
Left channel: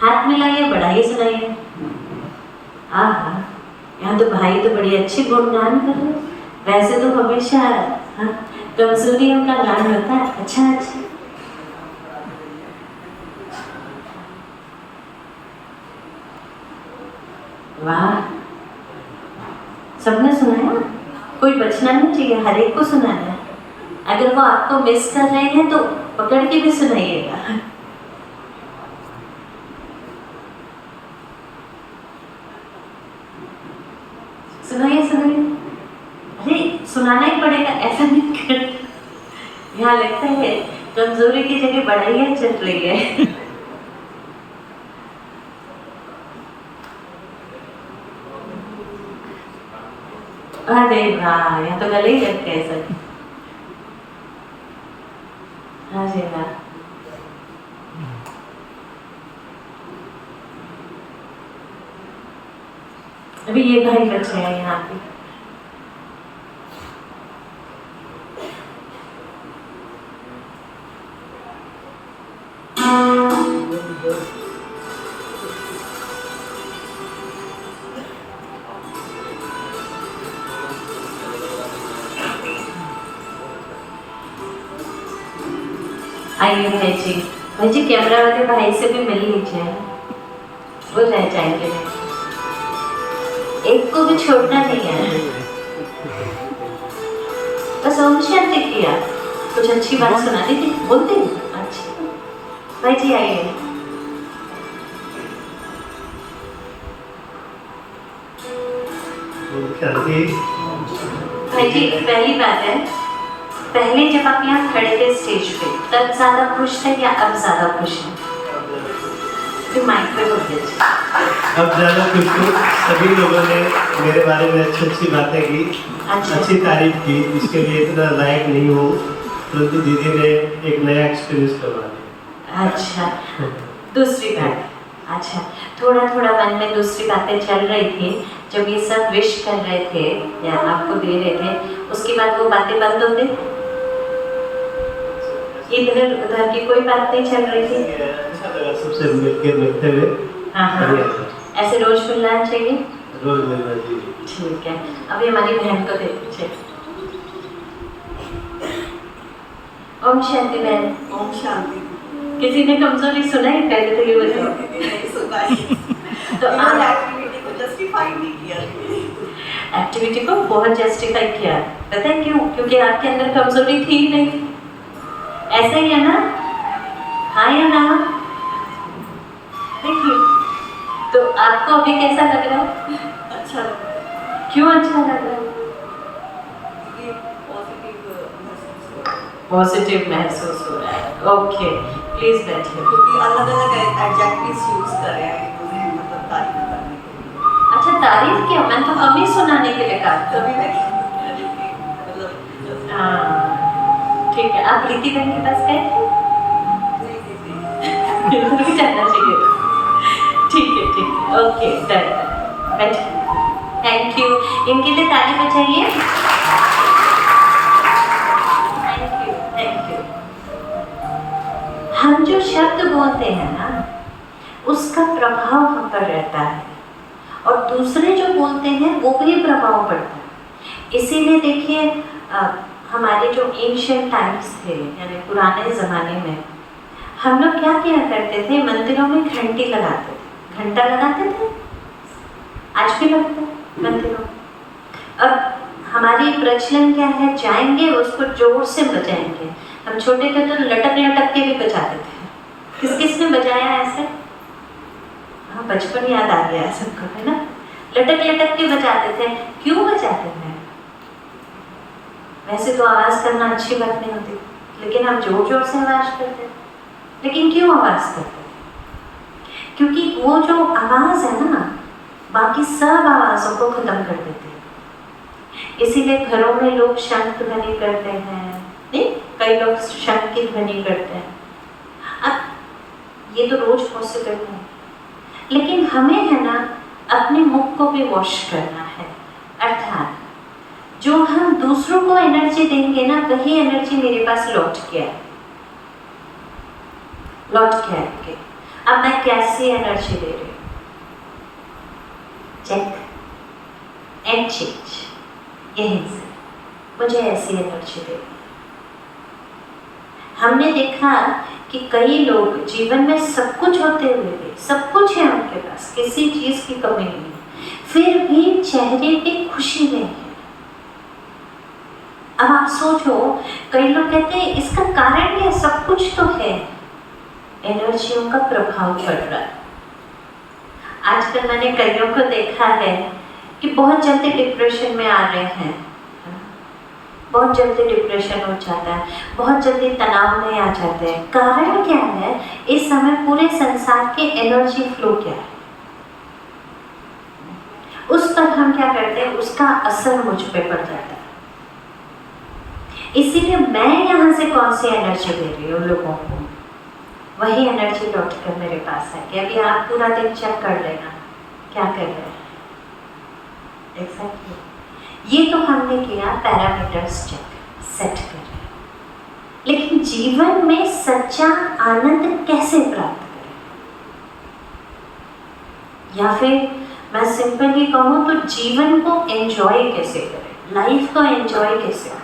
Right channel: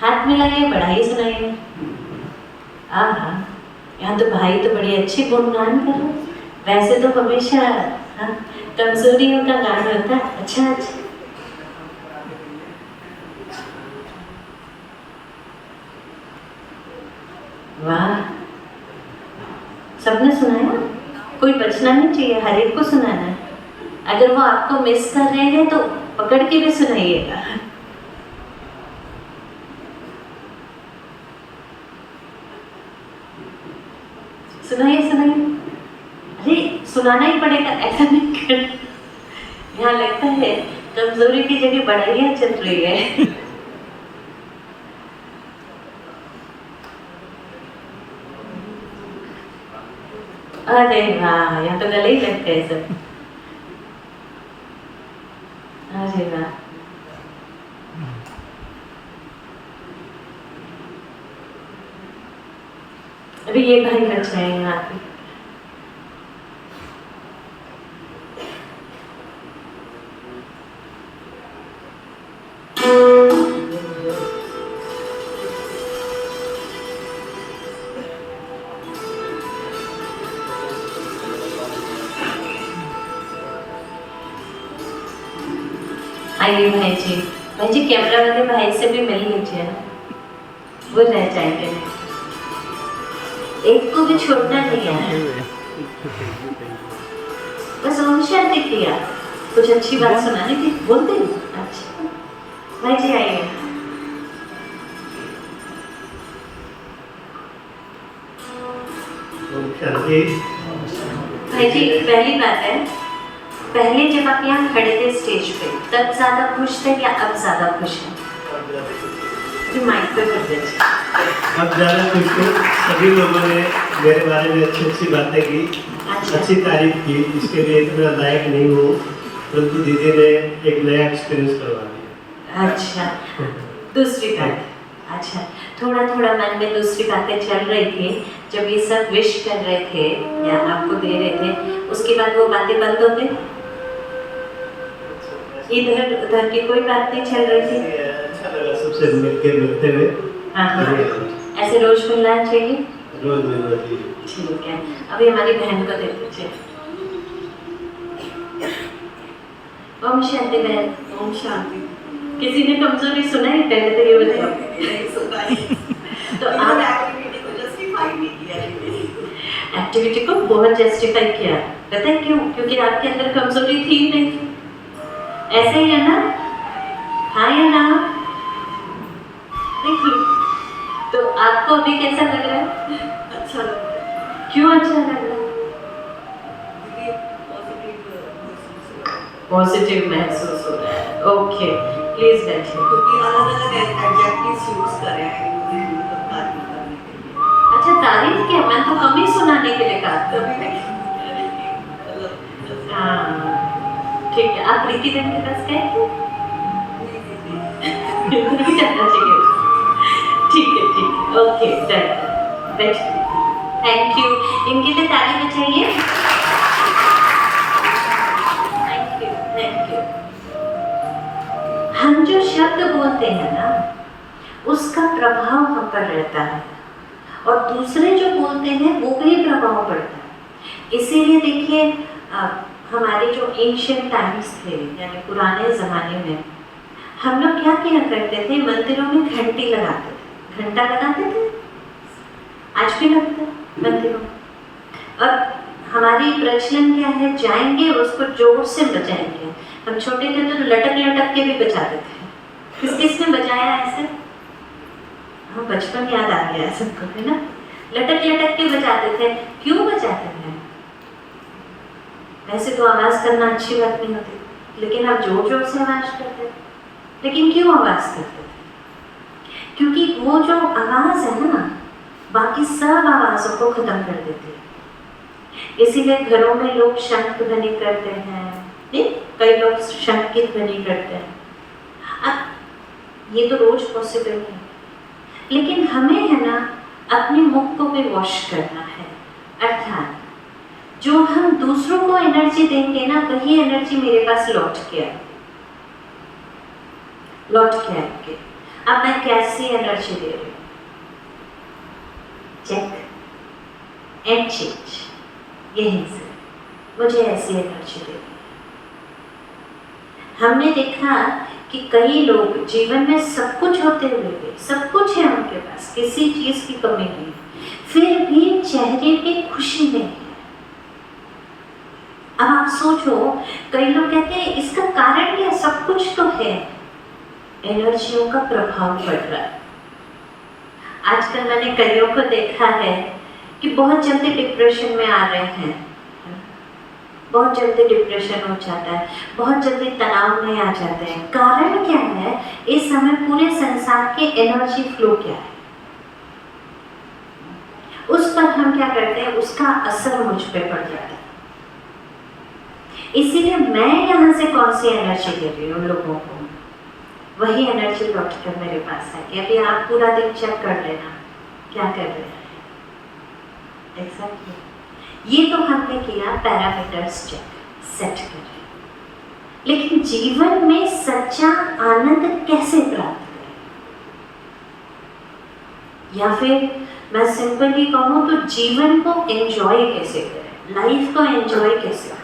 हाथ मिलाइए, बढ़ाइए, सुनाइए। हाँ, यहाँ तो भाई तो बड़ी अच्छी गुणगान कर रहे। वैसे तो हमेशा कमजोरियों का गान होता है। अच्छा वाह, सबने सुनाया, कोई बचना नहीं चाहिए, हर एक को सुनाना है। अगर वो आपको मिस कर रहे हैं तो पकड़ के भी सुनाइएगा। सुनाइए। अरे सुनाना ही पड़ेगा, ऐसा नहीं कर। यहाँ लगता है कमजोरी की जगह बढ़ाइयाँ चल रही है। अरे वाह, यहाँ तो गले ही लगते हैं सब। अरे वाह, अभी ये भाई बच रहे हैं यहाँ पे। आइए भाई जी, भाई जी कैमरा वाले भाई से भी मिल लीजिए, वो रह जाएंगे, एक को भी छोड़ना नहीं है। बस ओम शांति किया, कुछ अच्छी बात सुनानी थी, बोलते ही। अच्छा भाई जी आइए। भाई जी पहली बात है, पहले जब आप यहाँ खड़े थे स्टेज पे तब ज्यादा खुश थे या अब ज्यादा खुश हैं? तो माइक पे बोल दीजिए। अब ज़्यादा खुश हूँ, सभी लोगों ने मेरे बारे में अच्छी अच्छी बातें की, अच्छी तारीफ की, इसके लिए इतना लायक नहीं हूँ, परंतु दीदी ने एक नया एक्सपीरियंस करवा दिया। अच्छा दूसरी बात, अच्छा थोड़ा थोड़ा मन में दूसरी बातें चल रही थी जब ये सब विश कर रहे थे या आपको दे रहे थे, उसके बाद वो बातें बंद हो गई, इधर उधर की कोई बात नहीं चल रही थी? अच्छा लगा सबसे मिलते हुए। हाँ ऐसे रोज मिलना चाहिए, रोज मिलना चाहिए। ठीक है, अभी हमारी बहन को दे दीजिए। ओम शांति बहन। ओम शांति। किसी ने कमजोरी सुनाई पहले तो ये बताओ। नहीं सुनाई। तो आप एक्टिविटी को जस्टिफाई नहीं किया, एक्टिविटी को बहुत जस्टिफाई किया, पता है क्यों? क्योंकि आपके अंदर कमजोरी थी ही नहीं, ऐसा ही है ना? हाँ या ना? देखिए तो आपको अभी कैसा लग रहा है? अच्छा लग रहा है। क्यों अच्छा लग रहा है? पॉजिटिव महसूस हो रहा है। ओके प्लीज बैठिए। क्योंकि अलग अलग एडजेक्टिव्स यूज कर रहे हैं इन्होंने, मतलब तारीफ करने के लिए। अच्छा तारीफ किया, मैं तो कम ही सुनाने के लिए कहा था। तभी मैं कह रही थी, मतलब हाँ ठीक है, आप प्रीति बहन के पास गए थे? बिल्कुल भी जाना चाहिए। ठीक है ओके डन, बैठिए। थैंक यू, इनके लिए ताली बजाइए। Thank you. हम जो शब्द बोलते हैं ना उसका प्रभाव हम पर रहता है और दूसरे जो बोलते हैं वो भी प्रभाव पड़ता है। इसीलिए देखिए हमारे जो एंशिएंट टाइम्स थे यानी पुराने ज़माने में हम लोग क्या किया करते थे, मंदिरों में घंटी लगाते थे, घंटा लगाते थे, आज भी लगता है मंदिरों। अब हमारी प्रचलन क्या है, जाएंगे उसको जोर से बजाएंगे। हम छोटे थे तो लटक लटक के भी बजाते थे। किस किस ने बजाया ऐसे? हाँ बचपन याद आ गया सबको, है ना? लटक लटक के बजाते थे। क्यों बजाते थे? वैसे तो आवाज करना अच्छी बात नहीं होती, लेकिन हम जोर जोर से आवाज करते। लेकिन क्यों आवाज करते? क्योंकि वो जो आवाज है ना बाकी सब आवाजों को खत्म कर देती है। इसीलिए घरों में लोग शंख ध्वनि करते हैं, नहीं? कई लोग शंख की ध्वनि करते हैं। अब ये तो रोज पॉसिबल है, लेकिन हमें है ना अपने मुख को भी वॉश करना है। अर्थात जो हम दूसरों को एनर्जी देंगे ना वही एनर्जी मेरे पास लौट के आएगी। अब मैं कैसी एनर्जी दे रही हूँ? चेक एंड चेंज, यहीं से मुझे ऐसी एनर्जी दे। हमने देखा कि कई लोग जीवन में सब कुछ होते हुए भी, सब कुछ है उनके पास, किसी चीज की कमी नहीं, फिर भी चेहरे पे खुशी नहीं है। अब आप सोचो, कई लोग कहते हैं इसका कारण क्या? सब कुछ तो है, एनर्जियों का प्रभाव पड़ रहा है। आजकल मैंने कईयों को देखा है कि बहुत जल्दी डिप्रेशन में आ रहे हैं, बहुत जल्दी डिप्रेशन हो जाता है, बहुत जल्दी तनाव में आ जाते हैं। कारण क्या है? इस समय पूरे संसार के एनर्जी फ्लो क्या है, उस पर हम क्या करते हैं, उसका असर मुझ पे पड़ जाता है। इसीलिए मैं यहाँ से कौन सी एनर्जी दे रही हूँ लोगों को, वही एनर्जी लौट कर मेरे पास है। कि अभी आप पूरा दिन चेक कर लेना क्या कर रहे हैं। Exactly. ये तो हमने किया पैरामीटर्स चेक, सेट करें, लेकिन जीवन में सच्चा आनंद कैसे प्राप्त करें? या फिर मैं सिंपली कहूँ तो जीवन को एंजॉय कैसे करें, लाइफ को एंजॉय कैसे करें?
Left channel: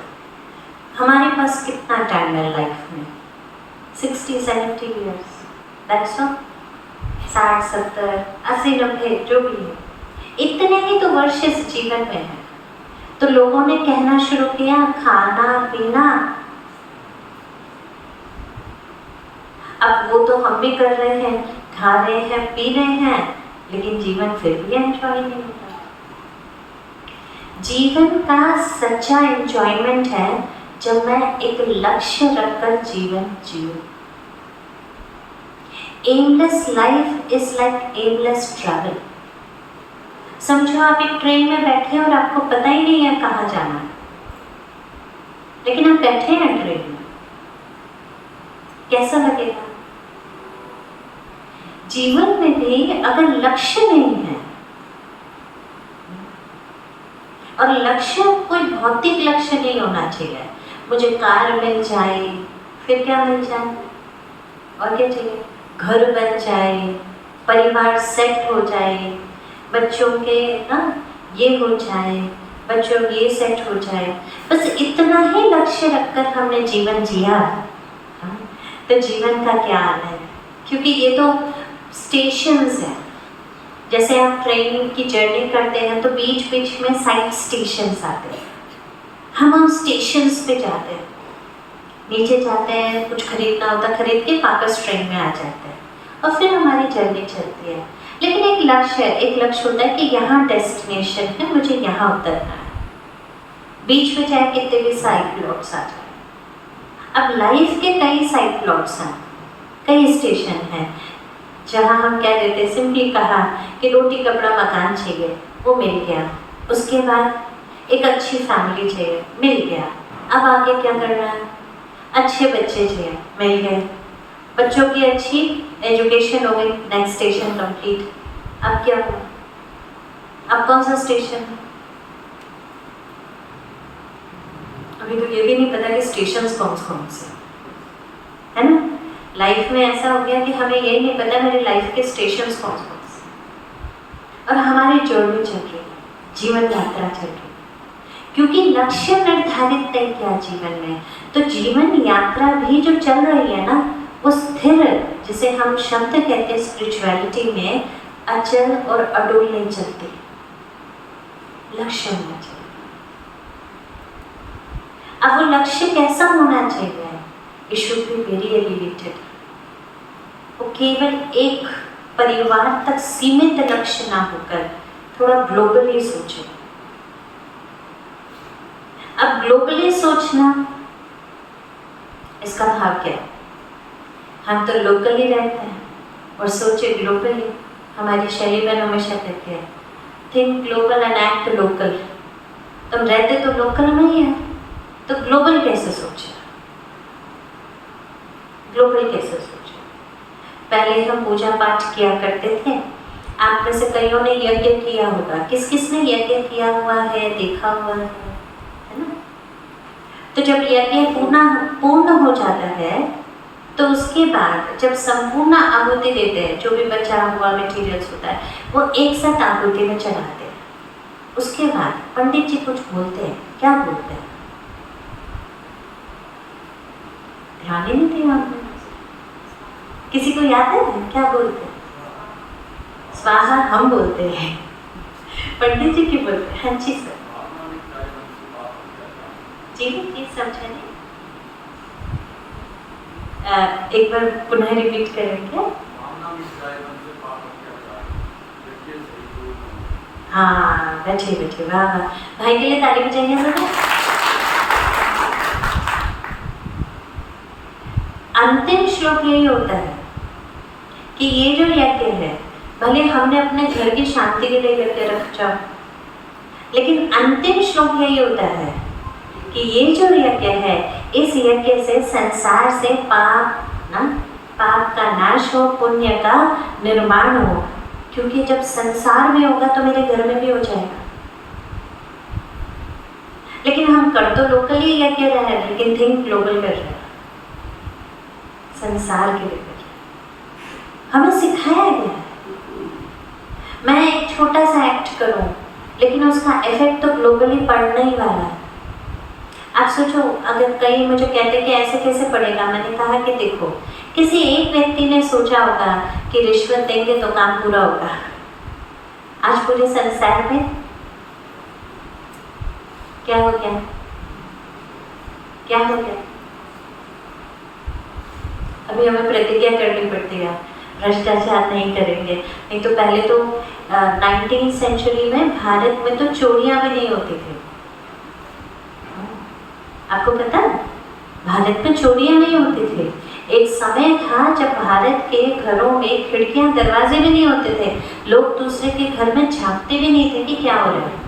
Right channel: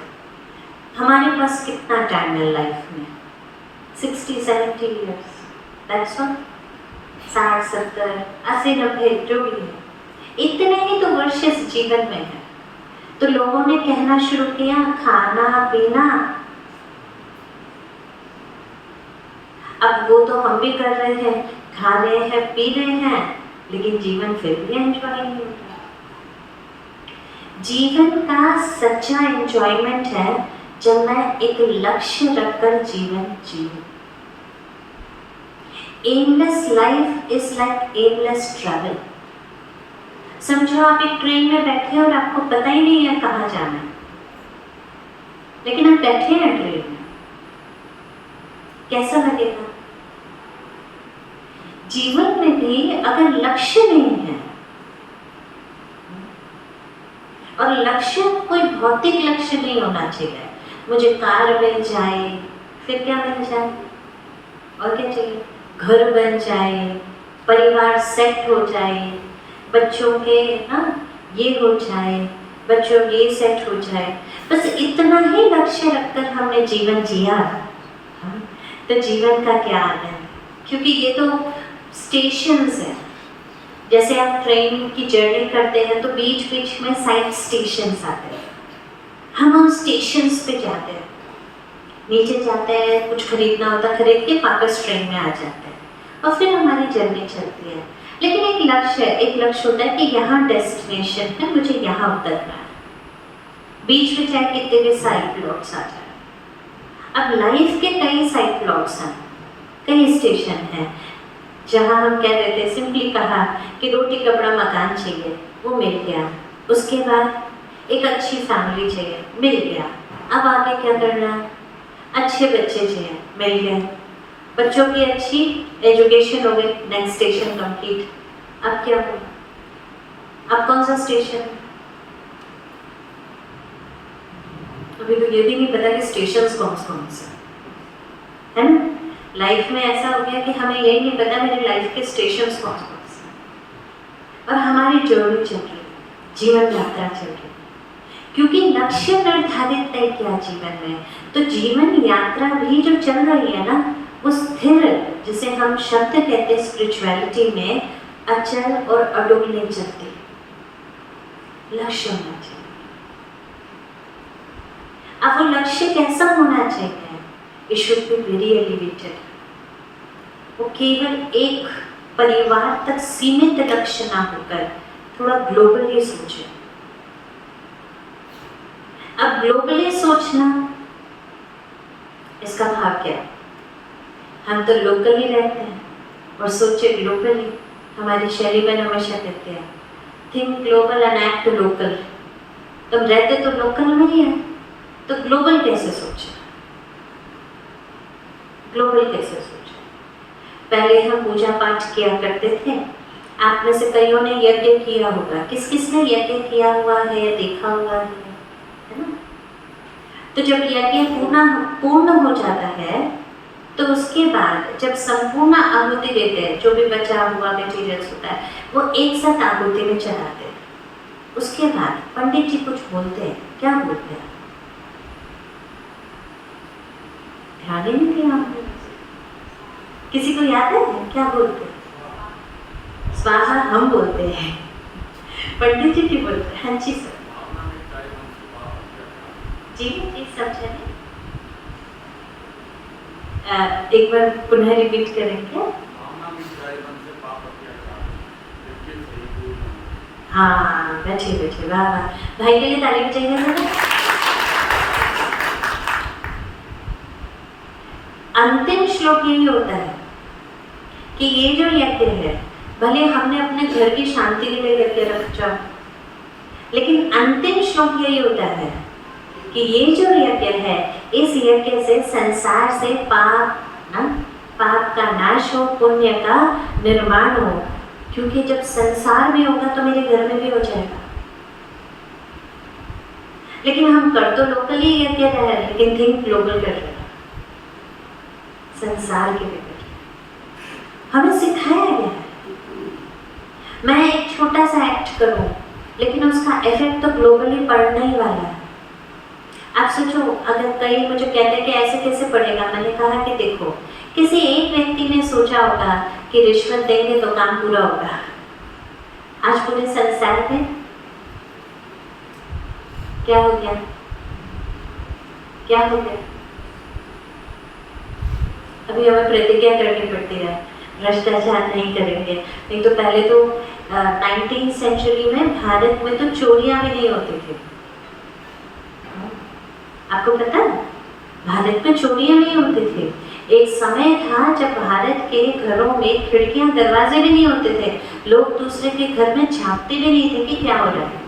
हमारे पास कितना टाइम है लाइफ में? 60-70 years, that's all. 60, 70, 80, 90 जो भी है, इतने ही तो वर्ष इस जीवन में है। तो लोगों ने कहना शुरू किया खाना पीना, अब वो तो हम भी कर रहे हैं, खा रहे हैं पी रहे हैं, लेकिन जीवन फिर भी एंजॉय नहीं होता। जीवन का सच्चा एंजॉयमेंट है जब मैं एक लक्ष्य रखकर जीवन जीऊं। Aimless life is like aimless travel. समझो आप एक ट्रेन में बैठे और आपको पता ही नहीं है कहाँ जाना है, लेकिन आप बैठे हैं ट्रेन में, कैसा लगेगा? जीवन में भी अगर लक्ष्य नहीं है, और लक्ष्य कोई भौतिक लक्ष्य नहीं होना चाहिए, मुझे कार मिल जाए, फिर क्या मिल जाए, और क्या चाहिए, घर बन जाए, परिवार सेट हो जाए, बच्चों के ना ये हो जाए, बच्चों ये सेट हो जाए, बस इतना ही लक्ष्य रखकर हमने जीवन जिया, तो जीवन का क्या अर्थ है? क्योंकि ये तो स्टेशंस हैं। जैसे आप ट्रेन की जर्नी करते हैं तो बीच बीच में साइड स्टेशंस आते हैं, हम उन स्टेशंस पे जाते हैं, नीचे जाते हैं, कुछ खरीदना होता है, खरीद के वापस ट्रेन में आ जाते हैं, और फिर हमारी जर्नी चलती है। लेकिन एक लक्ष्य होता है कि यहाँ डेस्टिनेशन है, मुझे यहाँ उतरना है, बीच में चाहे कितने भी साइड प्लॉट्स आ जाए। अब लाइफ के कई साइड प्लॉट्स हैं, कई स्टेशन हैं, जहाँ हम कह देते हैं, सिंपली कहा कि रोटी कपड़ा मकान चाहिए, वो मिल गया, उसके बाद एक अच्छी फैमिली चाहिए, मिल गया, अब आगे क्या करना है, अच्छे बच्चे चाहिए, मिल गए, बच्चों की अच्छी एजुकेशन हो गई, नेक्स्ट स्टेशन कंप्लीट। अब क्या हो, अब कौन सा स्टेशन? अभी तो ये भी नहीं पता कि स्टेशंस कौन से है ना। लाइफ में ऐसा हो गया कि हमें ये नहीं पता मेरी लाइफ के स्टेशंस कौन से, और हमारी जर्नी चल रही, जीवन यात्रा चल रही, क्योंकि लक्ष्य निर्धारित तय किया जीवन में, तो जीवन यात्रा भी जो चल रही है ना, वो स्थिर, जिसे हम शब्द कहते हैं स्पिरिचुअलिटी में, अचल और अडोल नहीं चलती, लक्ष्य होना चाहिए। अब वो लक्ष्य कैसा होना चाहिए? It should be very elevated. वो केवल एक परिवार तक सीमित लक्ष्य ना होकर थोड़ा ग्लोबली सोचे। अब ग्लोबली सोचना, इसका भाव क्या? हम तो लोकली रहते हैं और सोचे ग्लोबली। हमारी शैली में हमेशा कहते हैं think global and act local. तुम रहते तो लोकल में ही है, तो ग्लोबल कैसे सोचे? ग्लोबल कैसे सोचे? पहले हम पूजा पाठ किया करते थे, आप में से कईयों ने यज्ञ किया होगा, किस किस ने यज्ञ किया हुआ है, देखा हुआ है ना? तो जब यज्ञ पूर्ण हो जाता है, तो उसके बाद जब संपूर्ण आहुति देते हैं, जो भी बचा हुआ मटेरियल्स होता है, वो एक साथ आहुति में चढ़ाते हैं। उसके बाद पंडित जी कुछ बोलते हैं, क्या बोलते हैं? ध्यान ही नहीं दिया आपने। किसी को याद है क्या बोलते हैं? स्वाहा हम बोलते हैं, पंडित जी की बोलते हैं। हाँ जी सर, जी जी समझा नहीं, एक बार पुनः रिपीट करेंगे। हाँ बैठिए बैठिए, वाह वाह, भाई के लिए ताली बजाएंगे सर। अंतिम श्लोक यही होता है कि ये जो यज्ञ है, भले हमने अपने घर की शांति के लिए करके रखा, लेकिन अंतिम श्लोक यही होता है कि ये जो यज्ञ है, इस यज्ञ से संसार से पाप का नाश हो, पुण्य का निर्माण हो। क्योंकि जब संसार में होगा तो मेरे घर में भी हो जाएगा। लेकिन हम कर तो लोकली यज्ञ रहे हैं, लेकिन थिंक ग्लोबल कर रहे हैं, संसार के लिए कर रहे हैं। हमें सिखाया गया है मैं एक छोटा सा एक्ट करूं, लेकिन उसका इफेक्ट तो ग्लोबली पड़ने ही वाला है। आप सोचो, अगर कई मुझे कहते कि ऐसे कैसे पड़ेगा, मैंने कहा कि देखो, किसी एक व्यक्ति ने सोचा होगा कि रिश्वत देंगे तो काम पूरा होगा। आज पूरे संसार में क्या हो गया, क्या हो गया? अभी हमें प्रतिज्ञा करनी पड़ती है, भ्रष्टाचार नहीं करेंगे। नहीं तो पहले तो 19वीं सेंचुरी में भारत में तो चोरियां भी नहीं होती थी। आपको पता है, भारत में चोरियां नहीं होती थी। एक समय था जब भारत के घरों में खिड़कियां दरवाजे भी नहीं होते थे, लोग दूसरे के घर में झांकते भी नहीं थे कि क्या हो रहा है।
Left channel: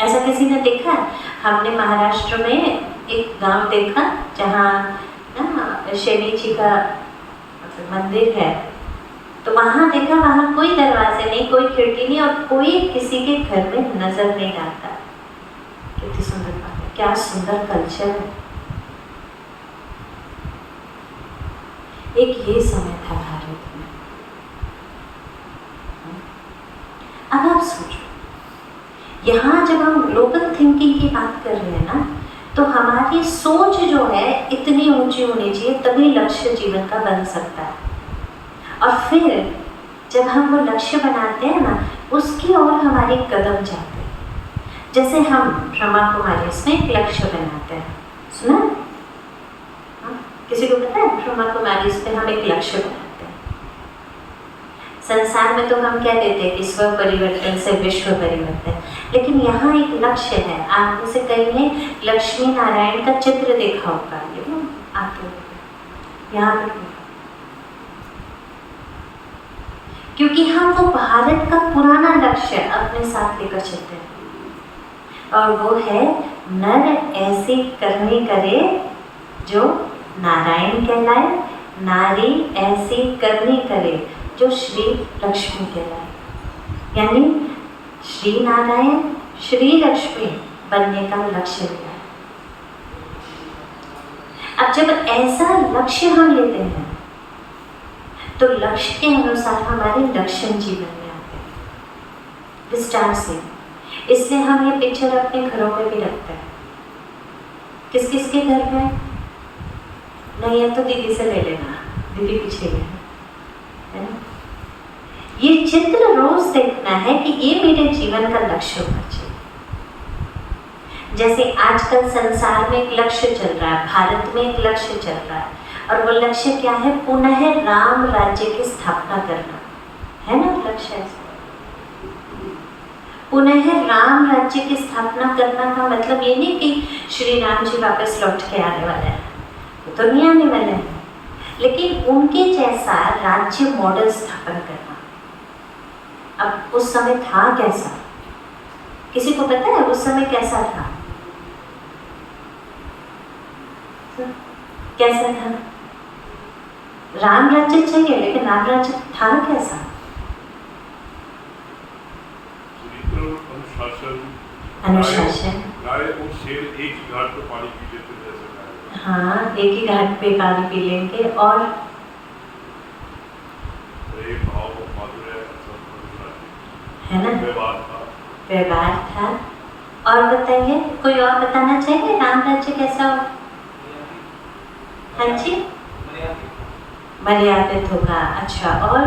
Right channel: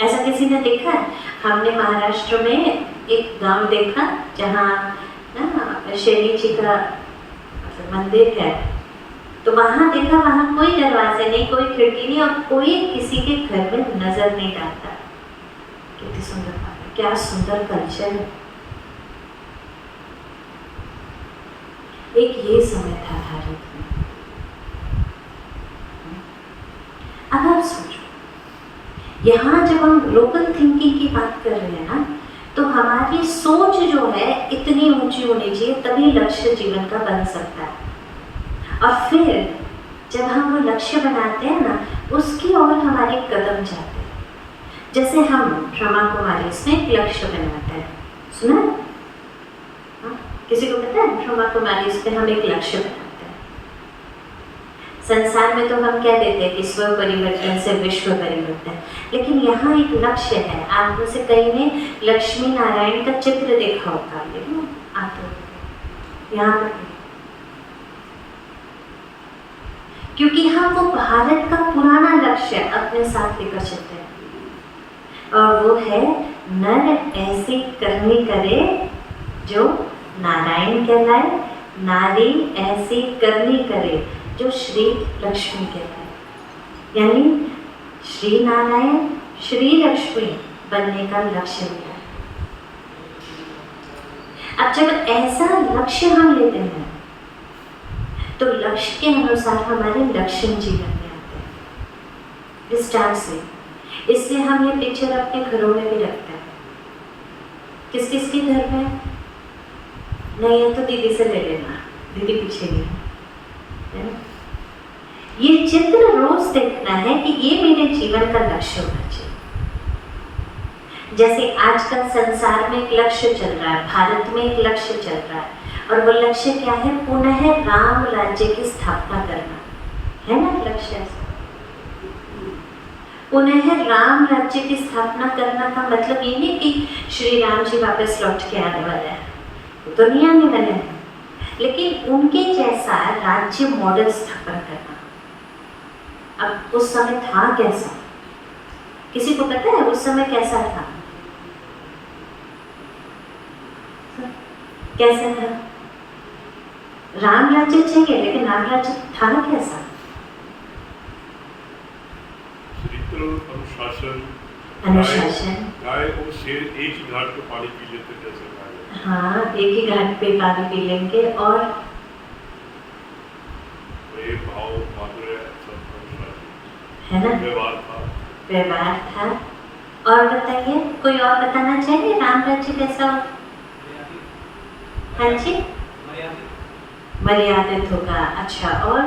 ऐसा किसी ने देखा? हमने महाराष्ट्र में एक गांव देखा जहाँ ना शनि जी का मंदिर है, तो वहां देखा, वहां कोई दरवाजे नहीं, कोई खिड़की नहीं, और कोई किसी के घर में नजर नहीं डालता। कितनी सुंदर बात है, क्या सुंदर कल्चर है। एक ये समय था भारत में। अब आप सोचो, यहाँ जब हम ग्लोबल थिंकिंग की बात कर रहे हैं ना, तो हमारी सोच जो है इतनी ऊंची होनी चाहिए, तभी लक्ष्य जीवन का बन सकता है। और फिर जब हम वो लक्ष्य बनाते हैं ना, उसकी ओर हमारे कदम जाते हैं। जैसे हम ब्रह्मा कुमारी इसमें एक लक्ष्य बनाते हैं, सुना? किसी को पता है? ब्रह्मा कुमारी इस पे हम एक लक्ष्य बनाते हैं। संसार में तो हम क्या देते हैं कि स्व परिवर्तन से विश्व परिवर्तन, लेकिन यहाँ एक लक्ष्य है। आप में से कई ने लक्ष्मी नारायण का चित्र देखा होगा, आप यहाँ पर, क्योंकि हम वो भारत का पुराना लक्ष्य अपने साथ लेकर चलते हैं, और वो है नर ऐसी करनी करे जो नारायण कहलाए, नारी ऐसी करनी करे जो श्री लक्ष्मी कहलाए। यानी श्री नारायण श्री लक्ष्मी बनने का लक्ष्य लेना है। अब जब ऐसा लक्ष्य हम लेते हैं तो लक्ष्य के अनुसार हमारे लक्षण जीवन में आते हैं विस्तार से। इसलिए हम ये पिक्चर अपने घरों में भी रखते हैं। किस किस के घर में नहीं है तो दीदी से ले लेना, दीदी पीछे है। ये चित्र रोज देखना है कि ये मेरे जीवन का लक्ष्य होना चाहिए। जैसे आजकल संसार में एक लक्ष्य चल रहा है, भारत में एक लक्ष्य चल रहा है, और वो लक्ष्य क्या है? पुनः राम राज्य की स्थापना करना है ना लक्ष्य। पुनः राम राज्य की स्थापना करना का मतलब ये नहीं कि श्री राम जी वापस लौट के आने वाले हैं, तो नहीं आने वाले हैं, लेकिन उनके जैसा राज्य मॉडल स्थापन करना। अब उस समय था कैसा? किसी को पता है उस समय कैसा था? कैसा था? राम राज्य चाहिए, लेकिन राम राज्य था कैसा? अनुशासन। गाय और शेर एक ही घाट पे पानी पी लेते थे जैसे। हाँ, एक ही घाट पे पानी पी लेंगे, और प्रेम भाव माधुर्य सब अनुशासन है ना, व्यवहार था। और बताइए, कोई और बताना चाहिए राम राज्य कैसा हो? हाँ जी, मर्यादित होगा। अच्छा, और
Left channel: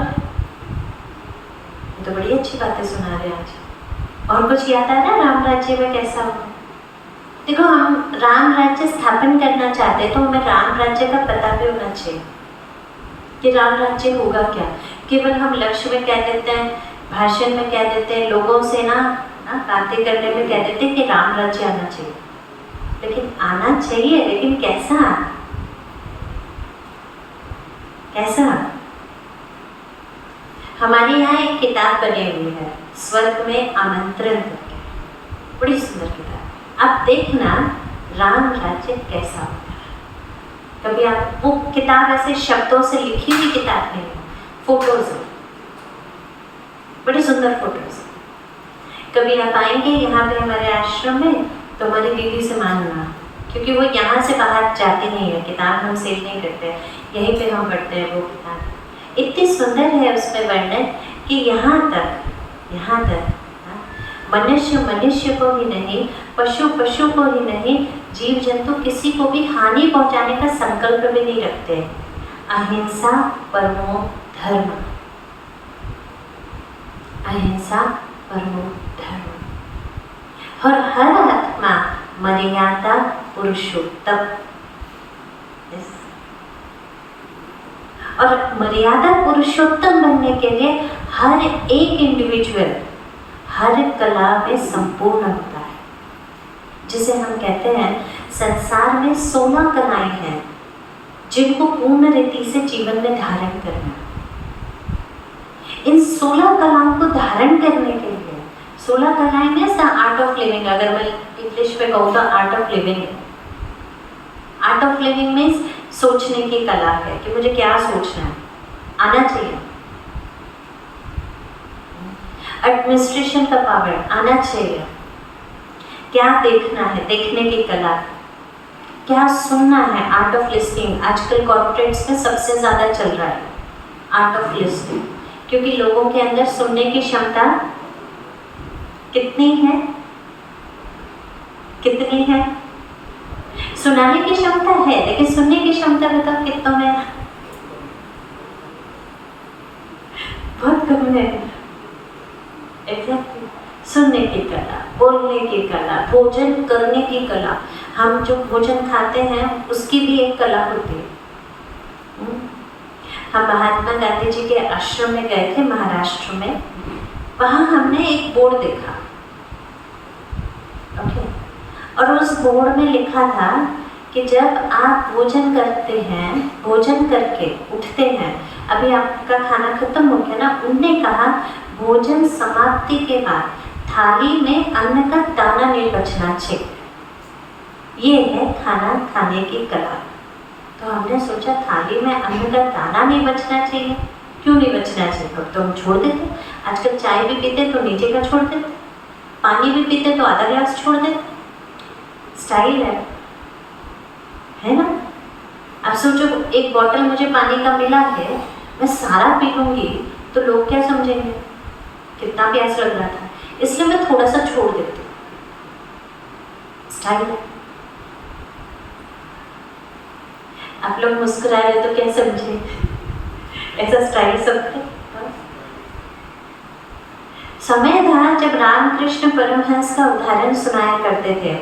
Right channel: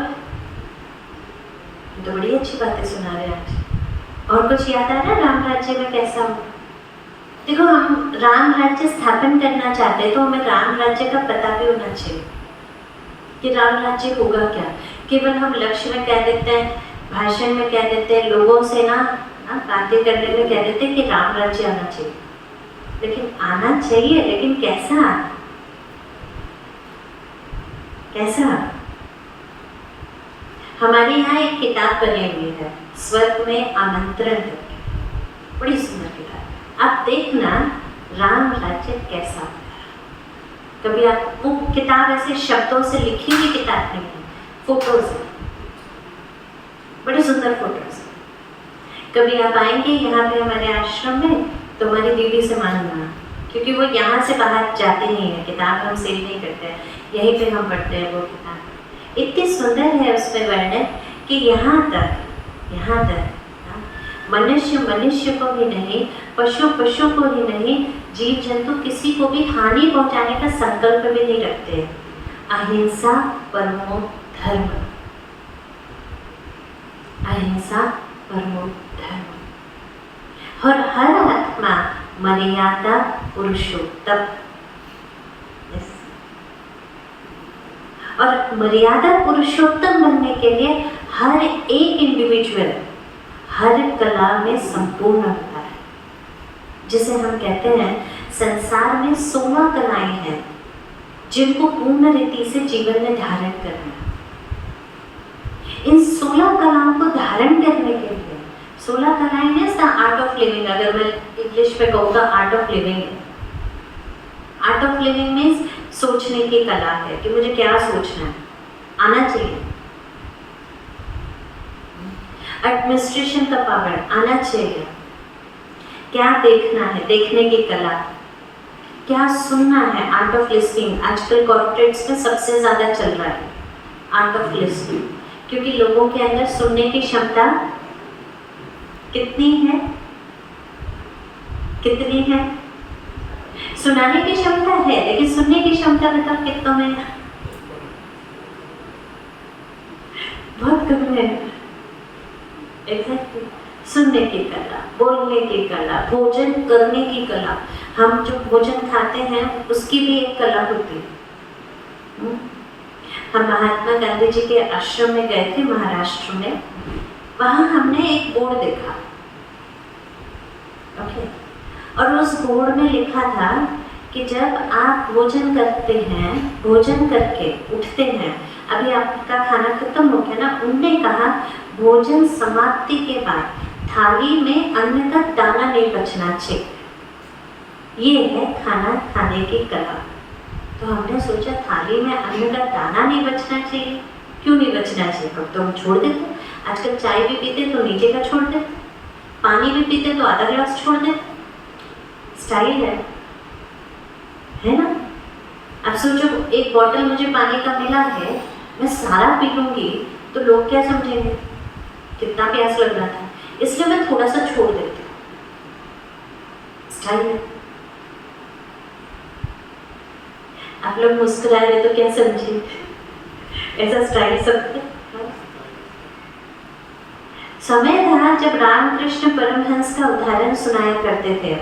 ये तो बड़ी अच्छी बातें सुना रहे आज। और कुछ याद आ रहा है राम राज्य में कैसा हो? देखो, हम राम राज्य स्थापन करना चाहते हैं तो हमें राम राज्य का पता भी होना चाहिए कि राम राज्य होगा क्या। केवल हम लक्ष्य में कह देते हैं, भाषण में कह देते हैं, लोगों से ना बातें करने में कह देते हैं कि राम राज्य आना चाहिए, लेकिन आना चाहिए, लेकिन कैसा? कैसा? हमारे यहाँ एक किताब बनी हुई है, स्वर्ग में आमंत्रण करके, बड़ी सुंदर किताब। आप देखना राम राज्य कैसा होता है। कभी आप वो किताब ऐसे शब्दों से लिखी हुई किताब नहीं है, फोटोज है, बड़ी सुंदर फोटोज है। कभी आप आएंगे यहाँ पे हमारे आश्रम में तो हमारी दीदी से मांगना, क्योंकि वो यहाँ से बाहर जाते नहीं है, किताब हम सेल नहीं करते हैं, यहीं पे हम पढ़ते हैं वो किताब। इतनी सुंदर है उसमें वर्णन कि यहाँ तक मनुष्य मनुष्य को भी नहीं, पशु पशु को भी नहीं, जीव जंतु किसी को भी हानि पहुंचाने का संकल्प भी नहीं रखते। अहिंसा परमो धर्म, अहिंसा परमो धर्म। और हर आत्मा मर्यादा पुरुषोत्तम। और मर्यादा पुरुषोत्तम बनने के लिए हर एक इंडिविजुअल हर कला में संपूर्ण होता है। जिसे हम कहते हैं संसार में 16 कलाएं हैं जिनको पूर्ण रीति से जीवन में धारण करना। इन 16 कलाओं को धारण करने के लिए 16 कलाएं means the art of living. अगर मैं इंग्लिश में कहूँ तो art of living. Art of living means सोचने की कला है कि मुझे क्या सोचना है, आना चाहिए। एडमिनिस्ट्रेशन का पावर आना चाहिए। क्या देखना है, देखने की कला। क्या सुनना है, आर्ट ऑफ लिसनिंग। आजकल कॉर्पोरेट्स में सबसे ज़्यादा चल रहा है आर्ट ऑफ लिसनिंग, क्योंकि लोगों के अंदर सुनने की क्षमता कितनी है, कितनी है। सुनाने की क्षमता है लेकिन सुनने की क्षमता बताओ कितनों में? बहुत कम है। एग्जैक्टली। सुनने की कला, बोलने की कला, भोजन करने की कला। हम जो भोजन खाते हैं उसकी भी एक कला होती है। हम महात्मा गांधी जी के आश्रम में गए थे महाराष्ट्र में। वहाँ हमने एक बोर्ड देखा। ओके। और उस बोर्ड में लिखा था कि जब आप भोजन करते हैं, भोजन करके उठते हैं, अभी आपका खाना खत्म हो गया ना, उनने कहा भोजन समाप्ति के बाद थाली में अन्न का दाना नहीं बचना चाहिए। ये है खाना खाने की कला। तो हमने सोचा थाली में अन्न का दाना नहीं बचना चाहिए, क्यों नहीं बचना चाहिए? कब तो हम छोड़ देते। आजकल चाय भी पीते तो नीचे का छोड़ देते, पानी भी पीते तो आधा गिलास छोड़ देते। स्टाइल है ना? अब सोचो एक बोतल मुझे पानी का मिला है, मैं सारा पी लूंगी तो लोग क्या समझेंगे? कितना प्यास लग रहा था, इसलिए मैं थोड़ा सा छोड़ देती हूँ। स्टाइल है। आप लोग मुस्कुरा रहे तो क्या समझे? ऐसा स्टाइल सबको। समय था जब रामकृष्ण परमहंस का उदाहरण सुनाया करते थे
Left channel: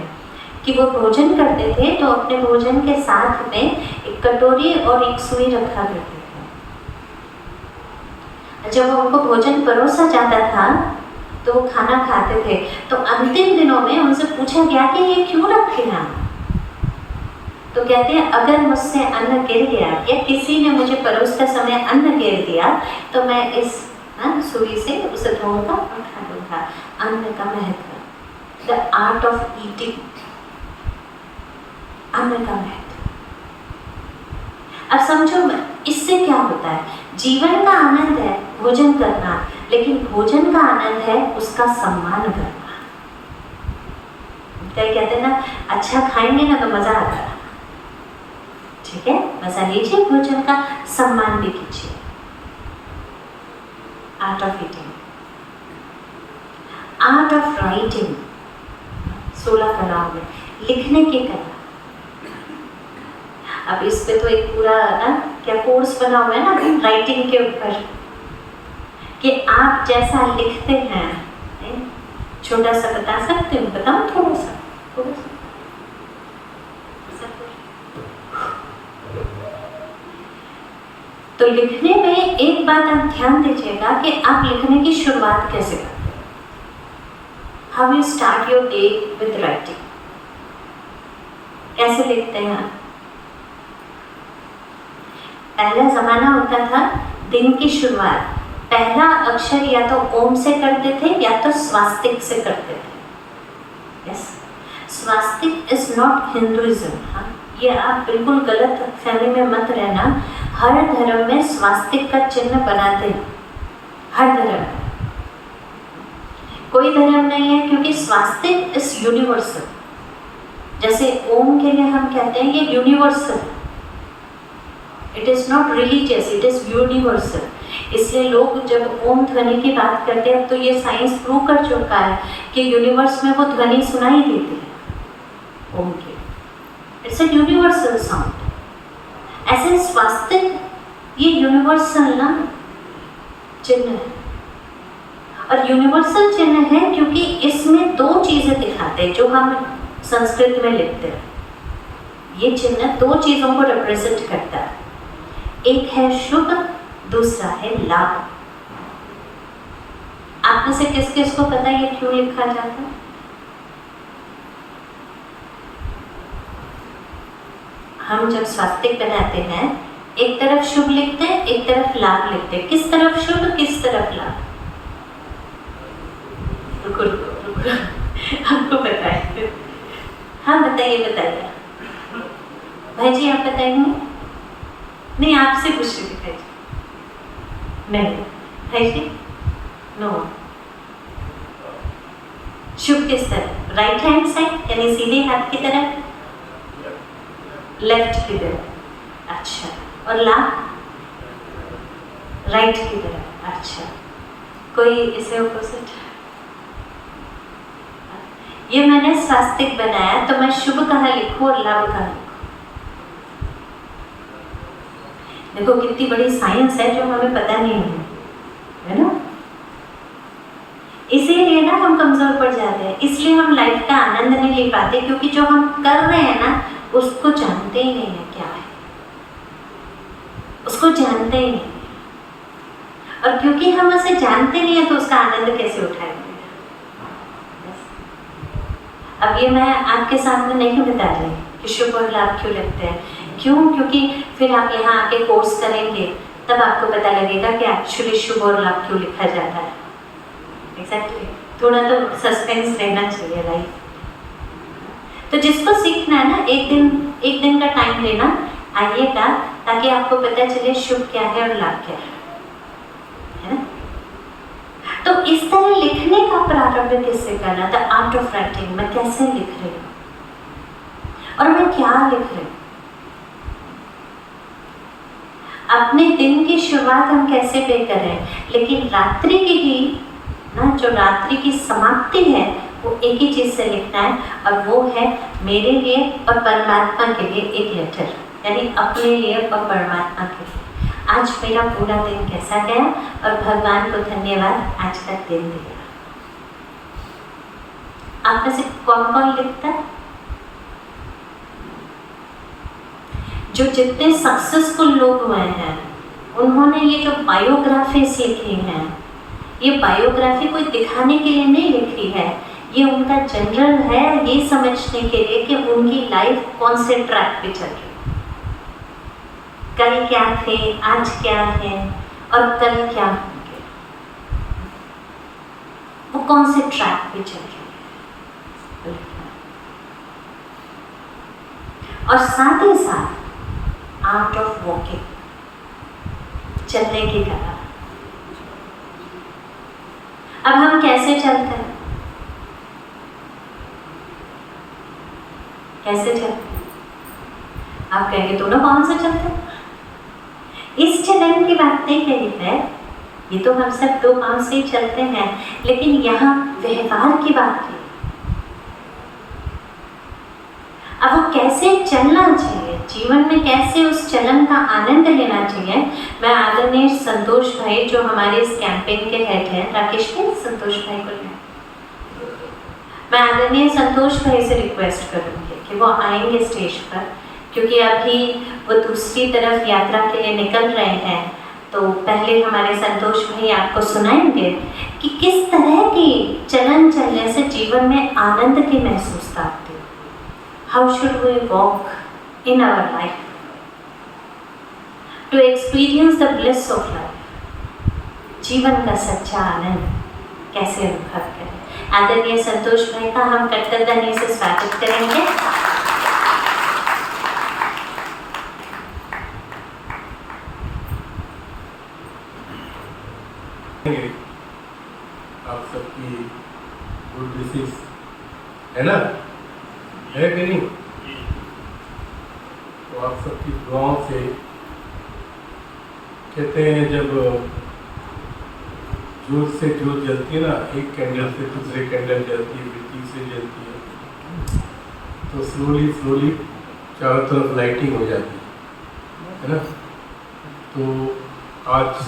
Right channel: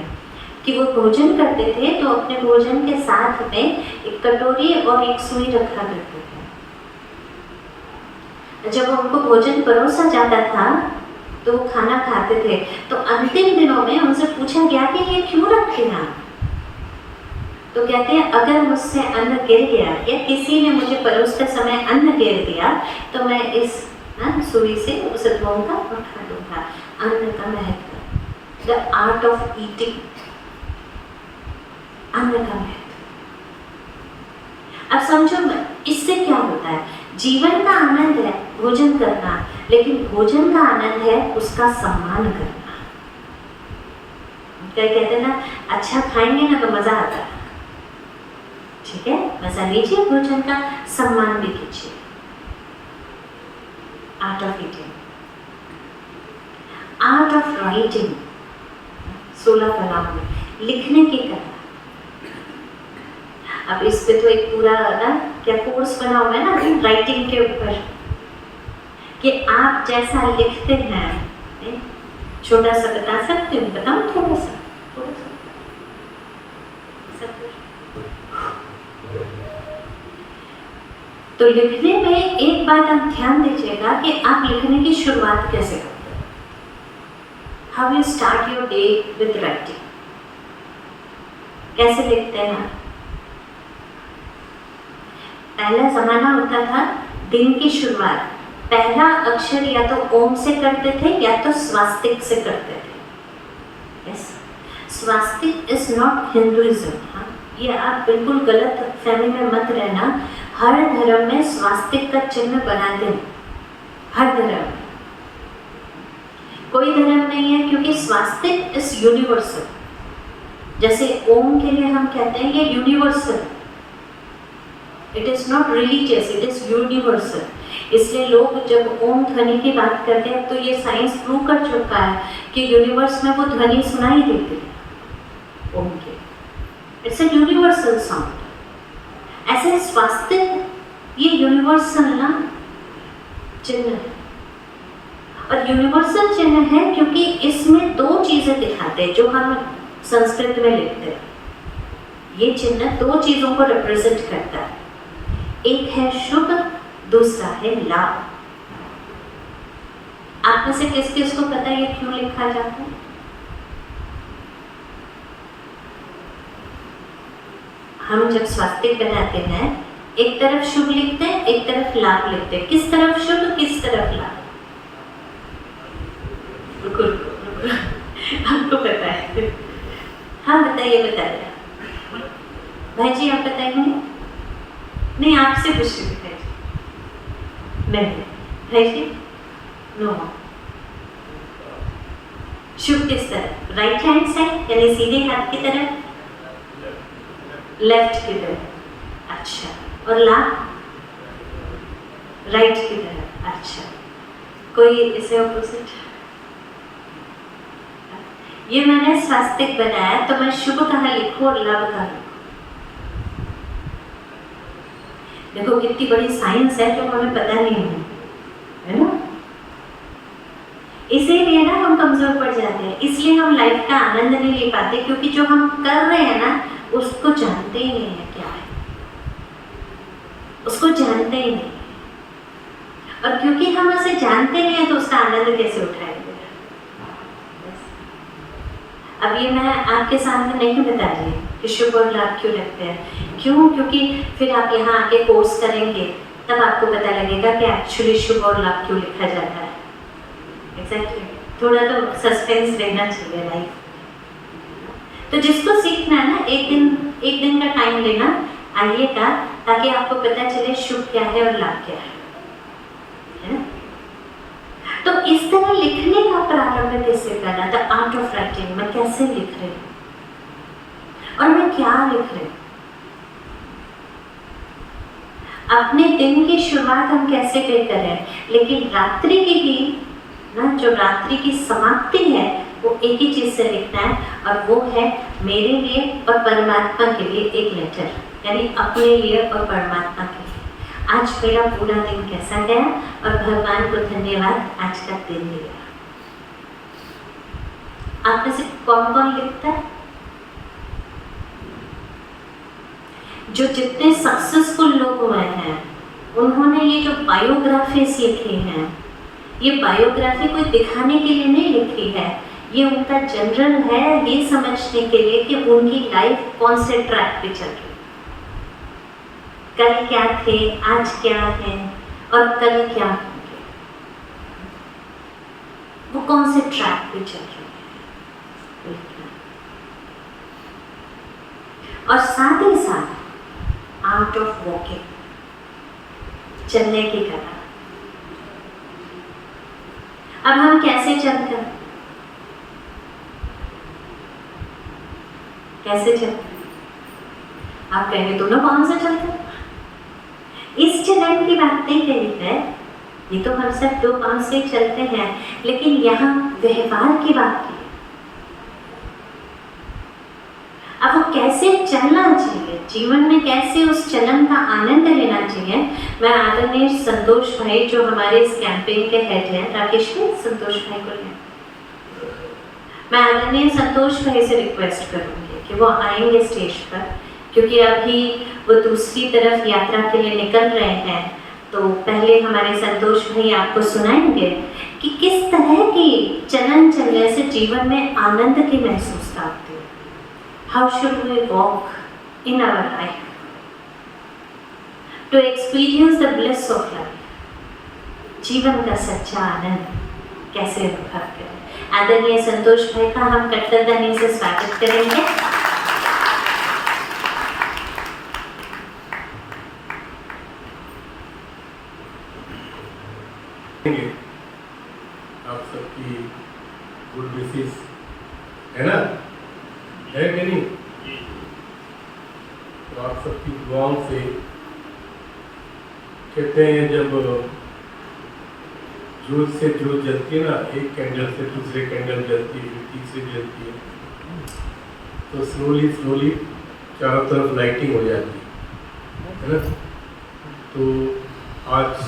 कि वो भोजन करते थे तो अपने भोजन के साथ में एक कटोरी और एक सुई रखा करते थे। जब उनको भोजन परोसा जाता था तो वो खाना खाते थे। तो अंतिम दिनों में उनसे पूछा गया कि ये क्यों रखे हैं आप? तो कहते हैं अगर मुझसे अन्न गिर गया या किसी ने मुझे परोसते समय अन्न गिर दिया तो मैं इस सुई से उसे धोऊंगा और खा लूंगा। अन्न का महत्व, द आर्ट ऑफ ईटिंग, अन्न का महत्व। अब समझो इससे क्या होता है? जीवन का आनंद है भोजन करना, लेकिन भोजन का आनंद है उसका सम्मान करना। कई कहते हैं ना, अच्छा खाएंगे ना तो मजा आता है। ठीक है, मजा लीजिए, भोजन का सम्मान भी कीजिए। Art of eating, art of writing, 16 कलाओं में लिखने की कला। अब इस पे तो एक पूरा ना क्या कोर्स बना हुआ है ना राइटिंग के ऊपर, कि आप जैसा लिखते हैं। छोटा सा बता सकते हो? बताओ थोड़ा सा। तो लिखने में एक बात आप ध्यान दीजिएगा कि आप लिखने की शुरुआत कैसे करते हैं। How you start your day with writing. कैसे लिखते हैं? पहला जमाना होता था दिन की शुरुआत पहला अक्षर या तो ओम से करते थे या तो स्वास्तिक से करते थे। Yes, swastik is not Hinduism. ये आप बिल्कुल गलत फहमी में मत रहना। हर धर्म में स्वास्तिक का चिन्ह बनाते हैं, हर धर्म में। कोई धर्म नहीं है, क्योंकि स्वास्तिक इज यूनिवर्सल। जैसे ओम के लिए हम कहते हैं ये universal, it is not religious, it is universal. इसलिए लोग जब ओम ध्वनि की बात करते हैं तो ये साइंस प्रूव कर चुका है कि यूनिवर्स में वो ध्वनि सुनाई देती है ओम की। It's a universal sound. ऐसे स्वास्तिक ये यूनिवर्सल ना चिन्ह है, और यूनिवर्सल चिन्ह है क्योंकि इसमें दो चीजें दिखाते हैं जो हम संस्कृत में लिखते हैं। ये चिन्ह दो चीजों को रिप्रेजेंट करता है, एक है शुभ, दूसरा है लाभ। आप में से किस किस को पता है ये क्यों लिखा जाता है? हम जब स्वास्तिक बनाते हैं एक तरफ शुभ लिखते हैं, एक तरफ लाभ लिखते हैं। किस तरफ शुभ, किस तरफ लाभ? रुको रुको रुको, आपको पता है? हाँ बताइए बताइए। भाई जी आप बताएंगे? नहीं आपसे पूछ रही थी। नहीं भाई जी नो। शुभ किस तरफ? राइट हैंड साइड यानी सीधे हाथ की तरफ, लेफ्ट की तरफ। अच्छा, और लाभ? राइट की तरफ। अच्छा, कोई इसे ऑपोजिट? ये मैंने स्वास्तिक बनाया तो मैं शुभ कहाँ लिखूं और लाभ कहाँ लिखूं? देखो कितनी बड़ी साइंस है जो हमें पता नहीं है ना? इसीलिए ना हम कमजोर पड़ जाते हैं, इसलिए हम लाइफ का आनंद नहीं ले पाते, क्योंकि जो हम कर रहे हैं ना उसको जानते ही नहीं है क्या है, उसको जानते ही नहीं। और क्योंकि हम उसे जानते नहीं है तो उसका आनंद कैसे उठाएंगे? अब ये मैं आपके सामने नहीं बता रही कि शुभ और लाभ क्यों लगते हैं। क्यों? क्योंकि फिर आप यहाँ आके कोर्स करेंगे तब आपको पता लगेगा कि एक्चुअली शुभ और लाभ क्यों लिखा जाता है। एग्जैक्टली, थोड़ा तो सस्पेंस रहना चाहिए राइट। तो जिसको सीखना है ना एक दिन का टाइम लेना आइएगा, ताकि आपको पता चले शुभ क्या है और लाभ क्या है ना? तो इस तरह लिखने का प्रारंभ किससे करना था? Art of writing. मैं कैसे लिख रही हूँ और मैं क्या लिख रही हूँ? अपने दिन की शुरुआत हम कैसे पे करें, लेकिन रात्रि की भी ना, जो रात्रि की समाप्ति है वो एक ही चीज से लिखना है, और वो है मेरे लिए और परमात्मा के लिए एक लेटर, यानी अपने लिए और परमात्मा के लिए। आज मेरा पूरा दिन कैसा गया और भगवान को धन्यवाद आज का दिन दिया। आप में से कौन कौन लिखता है? जो जितने सक्सेसफुल लोग हुए हैं उन्होंने ये जो बायोग्राफीज लिखी हैं, ये बायोग्राफी कोई दिखाने के लिए नहीं लिखी है, ये उनका जनरल है ये समझने के लिए कि उनकी लाइफ कौन से ट्रैक पे चल रही है, कल क्या थे, आज क्या है और कल क्या होंगे, वो कौन से ट्रैक पे चल रहे हैं। और साथ ही साथ आर्ट ऑफ वॉकिंग, चलने की कला। अब हम कैसे चलते हैं? कैसे चलते हैं? आप कहेंगे दोनों कौन से चलते हैं? इस चलन की बात नहीं कही है, ये तो हम सब दो पांव से चलते हैं, लेकिन यहाँ व्यवहार की बात की। अब वो कैसे चलना चाहिए, जीवन में कैसे उस चलन का आनंद लेना चाहिए, मैं आदरणीय संतोष भाई जो हमारे इस कैंपेन के हेड हैं, राकेश भाई, संतोष भाई को लें, मैं आदरणीय संतोष भाई से रिक्वेस्ट करूँगी कि वो आएंगे स्टेज पर, क्योंकि अभी वो दूसरी तरफ यात्रा के लिए निकल रहे हैं। तो पहले हमारे संतोष भाई आपको सुनाएंगे कि किस तरह की चलन चलने से जीवन में आनंद की महसूसता होती है। How should we walk in our life to experience the bliss of life? जीवन का सच्चा आनंद कैसे अनुभव करें? आदरणीय संतोष भाई का हम कट्टरदानी से स्वागत करेंगे। आप सबकी गुड विशेस है ना, है कि नहीं? तो आप सबकी दुआओं से कहते हैं, जब जोत से जोत जलती है ना, एक कैंडल से दूसरे कैंडल जलती है, फिर तीसरी जलती है, तो स्लोली स्लोली चारों तरफ लाइटिंग हो जाती है ना। तो आज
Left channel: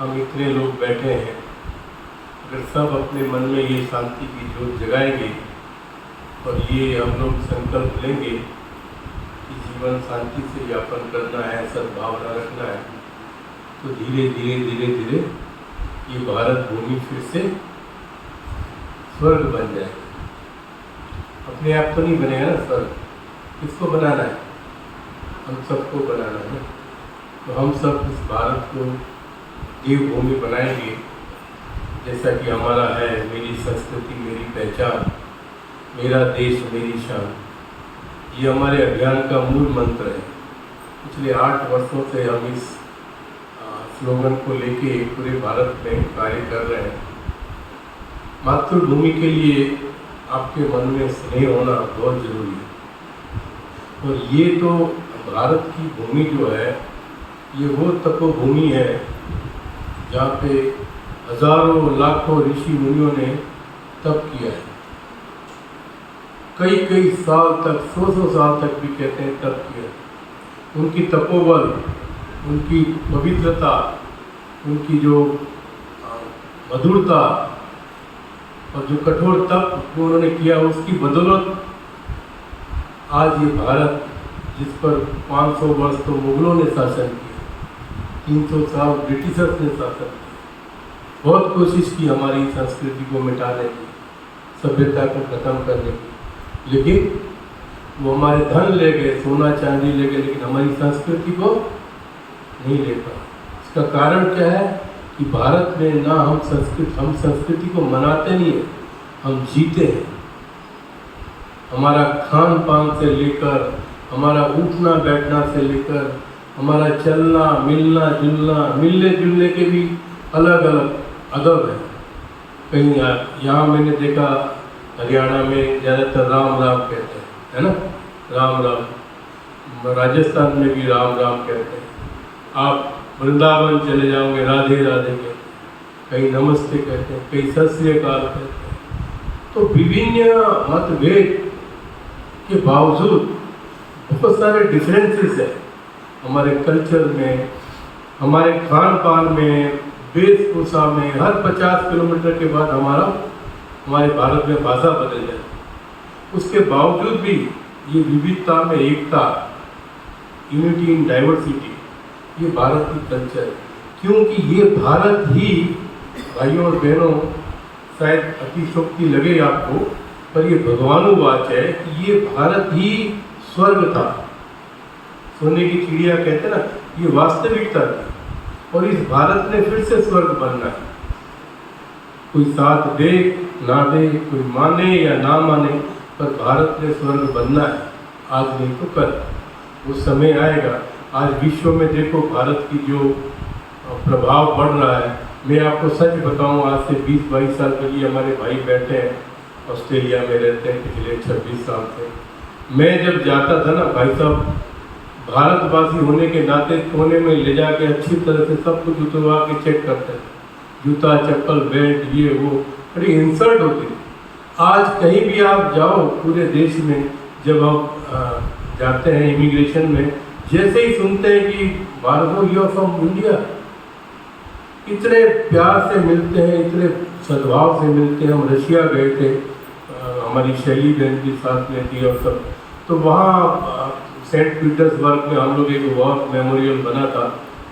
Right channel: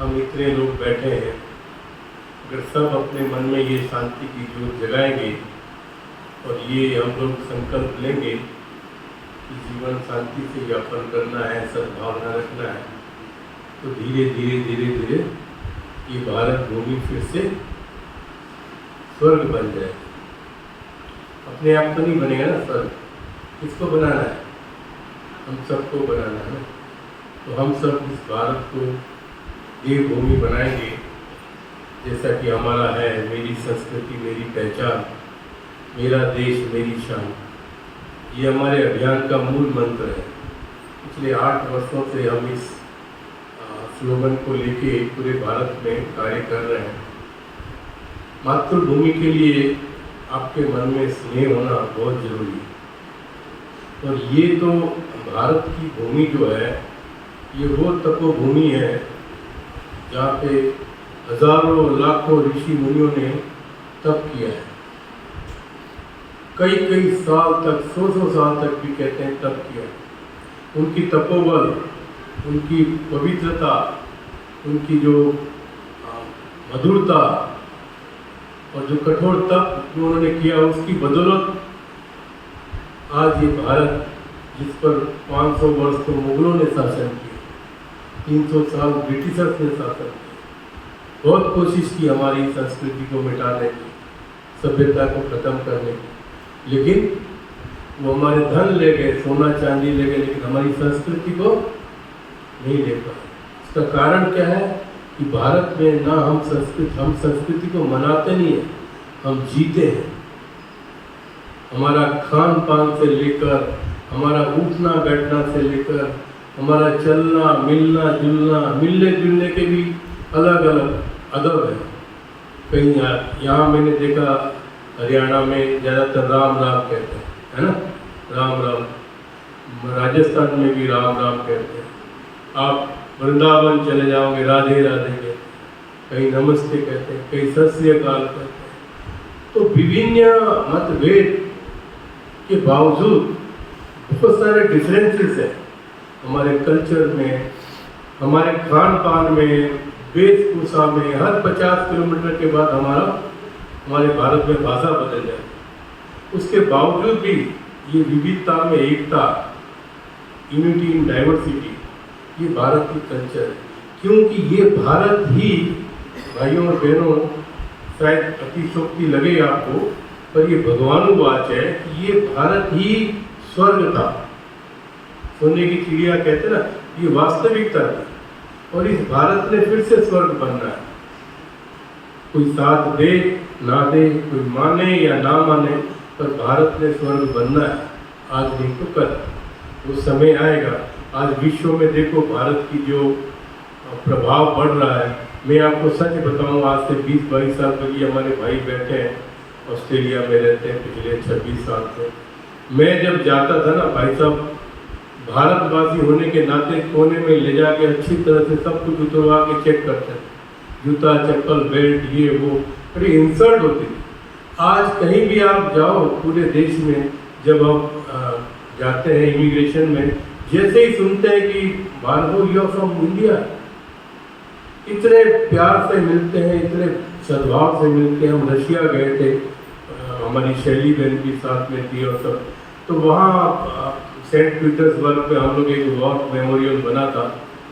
हम इतने लोग बैठे हैं, अगर सब अपने मन में ये शांति की जोत जगाएंगे और ये हम लोग संकल्प लेंगे कि जीवन शांति से यापन करना है, सद्भावना रखना है, तो धीरे धीरे धीरे धीरे ये भारत भूमि फिर से स्वर्ग बन जाएगा। अपने आप तो नहीं बनेगा ना स्वर्ग, किसको बनाना है? हम सबको बनाना है ना। तो हम सब इस भारत को देवभूमि बनाएंगे, जैसा कि हमारा है, मेरी संस्कृति मेरी पहचान, मेरा देश मेरी शान, ये हमारे अभियान का मूल मंत्र है। पिछले 8 वर्षों से हम इस स्लोगन को लेके पूरे भारत में कार्य कर रहे हैं। मातृभूमि के लिए आपके मन में स्नेह होना बहुत जरूरी है। और ये तो भारत की भूमि जो है, ये वो तपोभूमि है जहाँ पे हजारों लाखों ऋषि मुनियों ने तप किया है। कई कई साल तक, 100 साल तक भी कहते हैं तप किया। उनकी तपोबल, उनकी पवित्रता, उनकी जो मधुरता और जो कठोर तप जो उन्होंने किया, उसकी बदौलत आज ये भारत, जिस पर 500 वर्ष तो मुगलों ने शासन किया, 300 साल ब्रिटिशर्स ने शासन किया, बहुत कोशिश की हमारी संस्कृति को मिटाने की, सभ्यता को खत्म करने की, लेकिन वो हमारे धन ले गए, सोना चांदी ले गए, लेकिन हमारी संस्कृति को नहीं ले पाए। इसका कारण क्या है कि भारत में ना हम संस्कृति को मनाते नहीं है, हम जीते हैं। हमारा खान पान से लेकर, हमारा उठना बैठना से लेकर, हमारा चलना मिलना जुलना, मिलने जुलने के भी अलग अलग अदब है। कहीं यहाँ मैंने देखा हरियाणा में ज़्यादातर राम राम कहते हैं, है ना, राम राम। राजस्थान में भी राम राम कहते हैं। आप वृंदावन चले जाओगे, राधे राधे कहते हैं, कहीं नमस्ते कहते हैं, कहीं सत श्री अकाल कहते हैं। तो विभिन्न मतभेद के बावजूद बहुत सारे डिफरेंसेस हैं हमारे कल्चर में, हमारे खान पान में, वेशभूषा में। हर 50 किलोमीटर के बाद हमारे भारत में भाषा बदल जाए। उसके बावजूद भी ये विविधता में एकता, यूनिटी इन डाइवर्सिटी, ये भारत की कल्चर है। क्योंकि ये भारत ही, भाइयों और बहनों, शायद अतिशोक्ति लगे आपको, पर ये भगवानुवाच है कि ये भारत ही स्वर्ग था। सोने की चिड़िया कहते ना, ये वास्तविकता थी, और इस भारत ने फिर से स्वर्ग बनना है। कोई साथ दे ना दे, कोई माने या ना माने, पर भारत ने स्वर्ग बनना है, आज नहीं तो कल। वो समय आएगा। आज विश्व में देखो भारत की जो प्रभाव बढ़ रहा है। मैं आपको सच बताऊं, आज से 20-22 साल पहले हमारे भाई बैठे हैं, ऑस्ट्रेलिया में रहते हैं पिछले 26 साल से। मैं जब जाता था ना भाई साहब, भारतवासी होने के नाते कोने में ले जाके अच्छी तरह से सब कुछ उतरवा के चेक करते हैं, जूता चप्पल बेल्ट ये वो, बड़ी इंसल्ट होती थी। आज कहीं भी आप जाओ पूरे देश में, जब आप जाते हैं इमिग्रेशन में, जैसे ही सुनते हैं कि Bharat you are from India, इतने प्यार से मिलते हैं, इतने सद्भाव से मिलते हैं। हम रशिया गए थे, हमारी शैली बहन भी साथ में थी और सब, तो वहाँ सेंट पीटर्सबर्ग में हम लोग एक वॉर मेमोरियल बना था,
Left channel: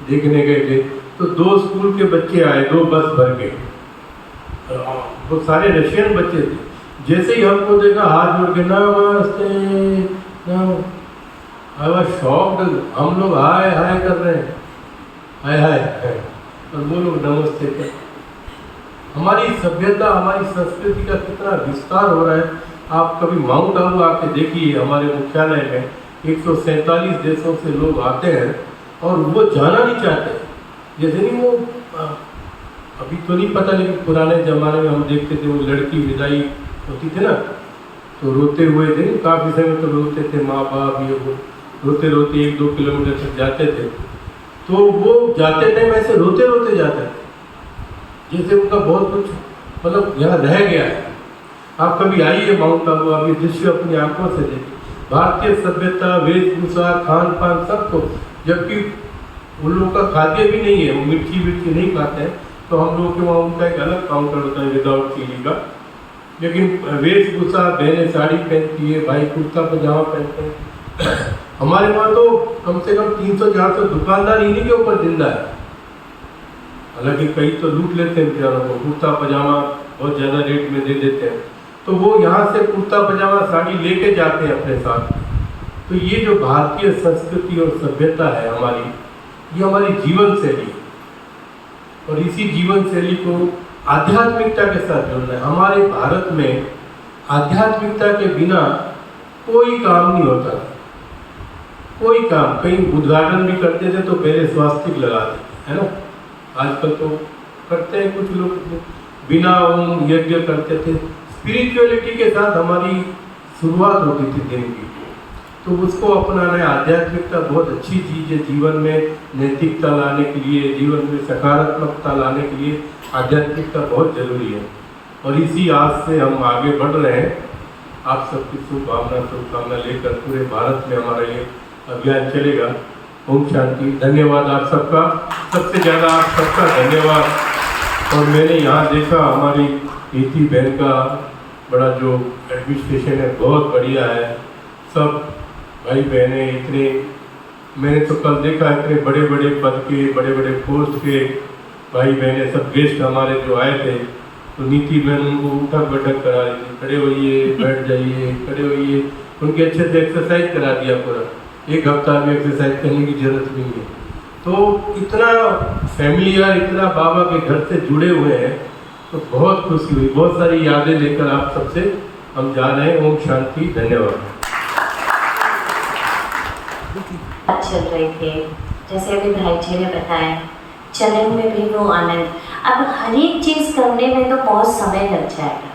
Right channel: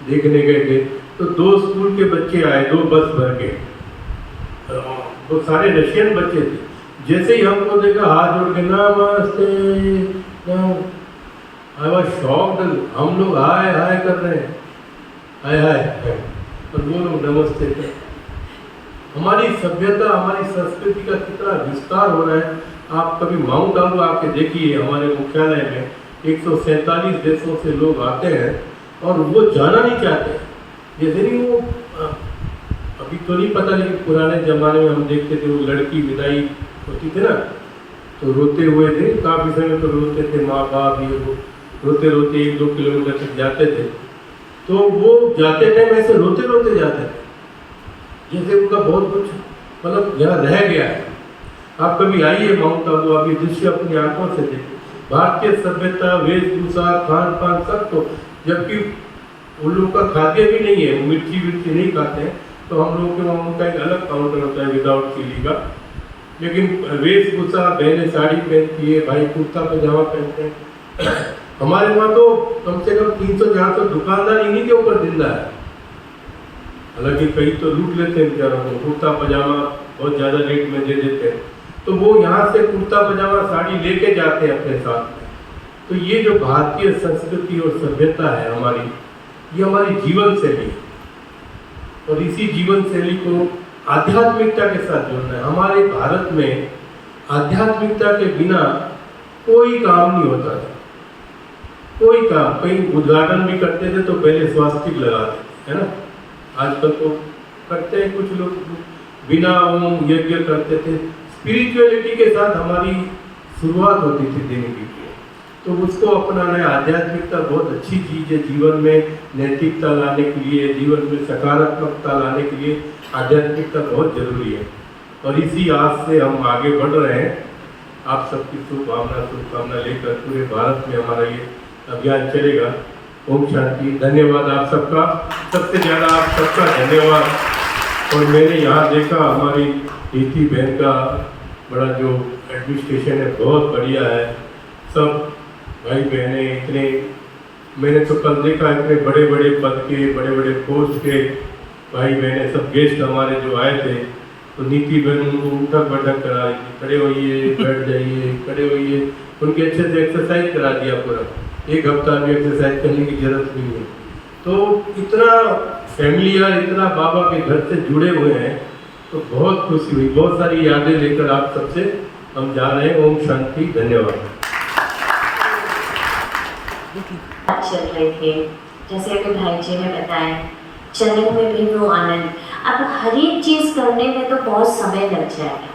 देखने गए थे। तो 2 स्कूल के बच्चे आए, 2 बस भर के, वो सारे रशियन बच्चे थे। जैसे ही हमको देखा, हाथ जोड़ के नमस्ते नमस्ते, आई वाज शॉक्ड। हम लोग हाय हाय कर रहे हैं, हाय हाय, तो वो लोग नमस्ते कर। हमारी सभ्यता, हमारी संस्कृति का कितना विस्तार हो रहा है। आप कभी माउंट आबू आके देखिए, हमारे मुख्यालय में 147 देशों से लोग आते हैं और वो जाना नहीं चाहते। जैसे नहीं वो अभी तो नहीं पता, लेकिन पुराने ज़माने में हम देखते थे, वो लड़की विदाई होती थी ना, तो रोते हुए थे, काफ़ी समय तो रोते थे, माँ बाप ये वो रोते रोते 1-2 किलोमीटर तक जाते थे। तो वो जाते टाइम ऐसे रोते रोते जाते थे। जैसे उनका बहुत कुछ मतलब यहाँ रह गया है। आप कभी आइए माउंट आबू, आप ये दृश्य अपनी आंखों से देखिए, भारतीय सभ्यता, वेशभूषा, खान पान सब को, जबकि उन लोगों का खाद्य भी नहीं है, वो मिर्ची नहीं खाते हैं, तो हम लोग के वहाँ उनका एक अलग काउंटर होता है विदाउट चिली का। लेकिन वेशभूषा, बहनें साड़ी पहनती है, भाई कुर्ता पजामा पहनते हैं। हमारे वहाँ तो कम से कम 300-400 दुकानदार इन्हीं के ऊपर जिंदा है। हालांकि कई तो लूट लेते हैं बेचारों को, कुर्ता पजामा बहुत ज़्यादा रेट में दे देते हैं, तो वो यहाँ से कुर्ता पजामा साड़ी लेके जाते हैं अपने साथ। तो ये जो भारतीय संस्कृति और सभ्यता है हमारी, ये हमारी जीवन शैली है, और इसी जीवन शैली को आध्यात्मिकता के साथ जोड़ना है। हमारे भारत में आध्यात्मिकता के बिना कोई काम नहीं होता था, कोई काम। कहीं उद्घाटन भी करते थे तो पहले स्वास्तिक लगाते थे, है ना। आजकल तो करते हैं कुछ लोग, बिना ओम यज्ञ करते थे। स्पिरिचुअलिटी के साथ हमारी शुरुआत होती थी दिन की, तो उसको अपनाना है। आध्यात्मिकता बहुत अच्छी चीज़ है, जीवन में नैतिकता लाने के लिए, जीवन में सकारात्मकता लाने के लिए आध्यात्मिकता बहुत जरूरी है। और इसी आस से हम आगे बढ़ रहे हैं। आप सबकी शुभकामना लेकर पूरे भारत में हमारा ये अभियान चलेगा। ओम शांति। धन्यवाद आप सबका, सबसे ज़्यादा आप सबका धन्यवाद। और मैंने यहाँ देखा हमारी इति बहन का बड़ा जो एडमिनिस्ट्रेशन है बहुत बढ़िया है। सब भाई बहनें इतने, मैंने तो कल देखा इतने बड़े बड़े पद के, बड़े बड़े पोस्ट के भाई बहनें, सब गेस्ट हमारे जो आए थे, तो नीति बहन उनको उठक बैठक करा रही थी, खड़े होइए, बैठ जाइए, खड़े होइए, उनके अच्छे से एक्सरसाइज करा दिया पूरा। एक हफ्ता में एक्सरसाइज करने की जरूरत नहीं है। तो इतना फैमिलियर, इतना बाबा के घर से जुड़े हुए हैं, तो बहुत खुशी हुई। बहुत सारी यादें लेकर आप सबसे हम जा रहे हैं। ओम शांति। धन्यवाद। बात चल रही थी, जैसे अभी भाई जी ने बताया, चलन में भी वो आनंद। अब हर एक चीज़ करने में तो बहुत समय लग जाएगा,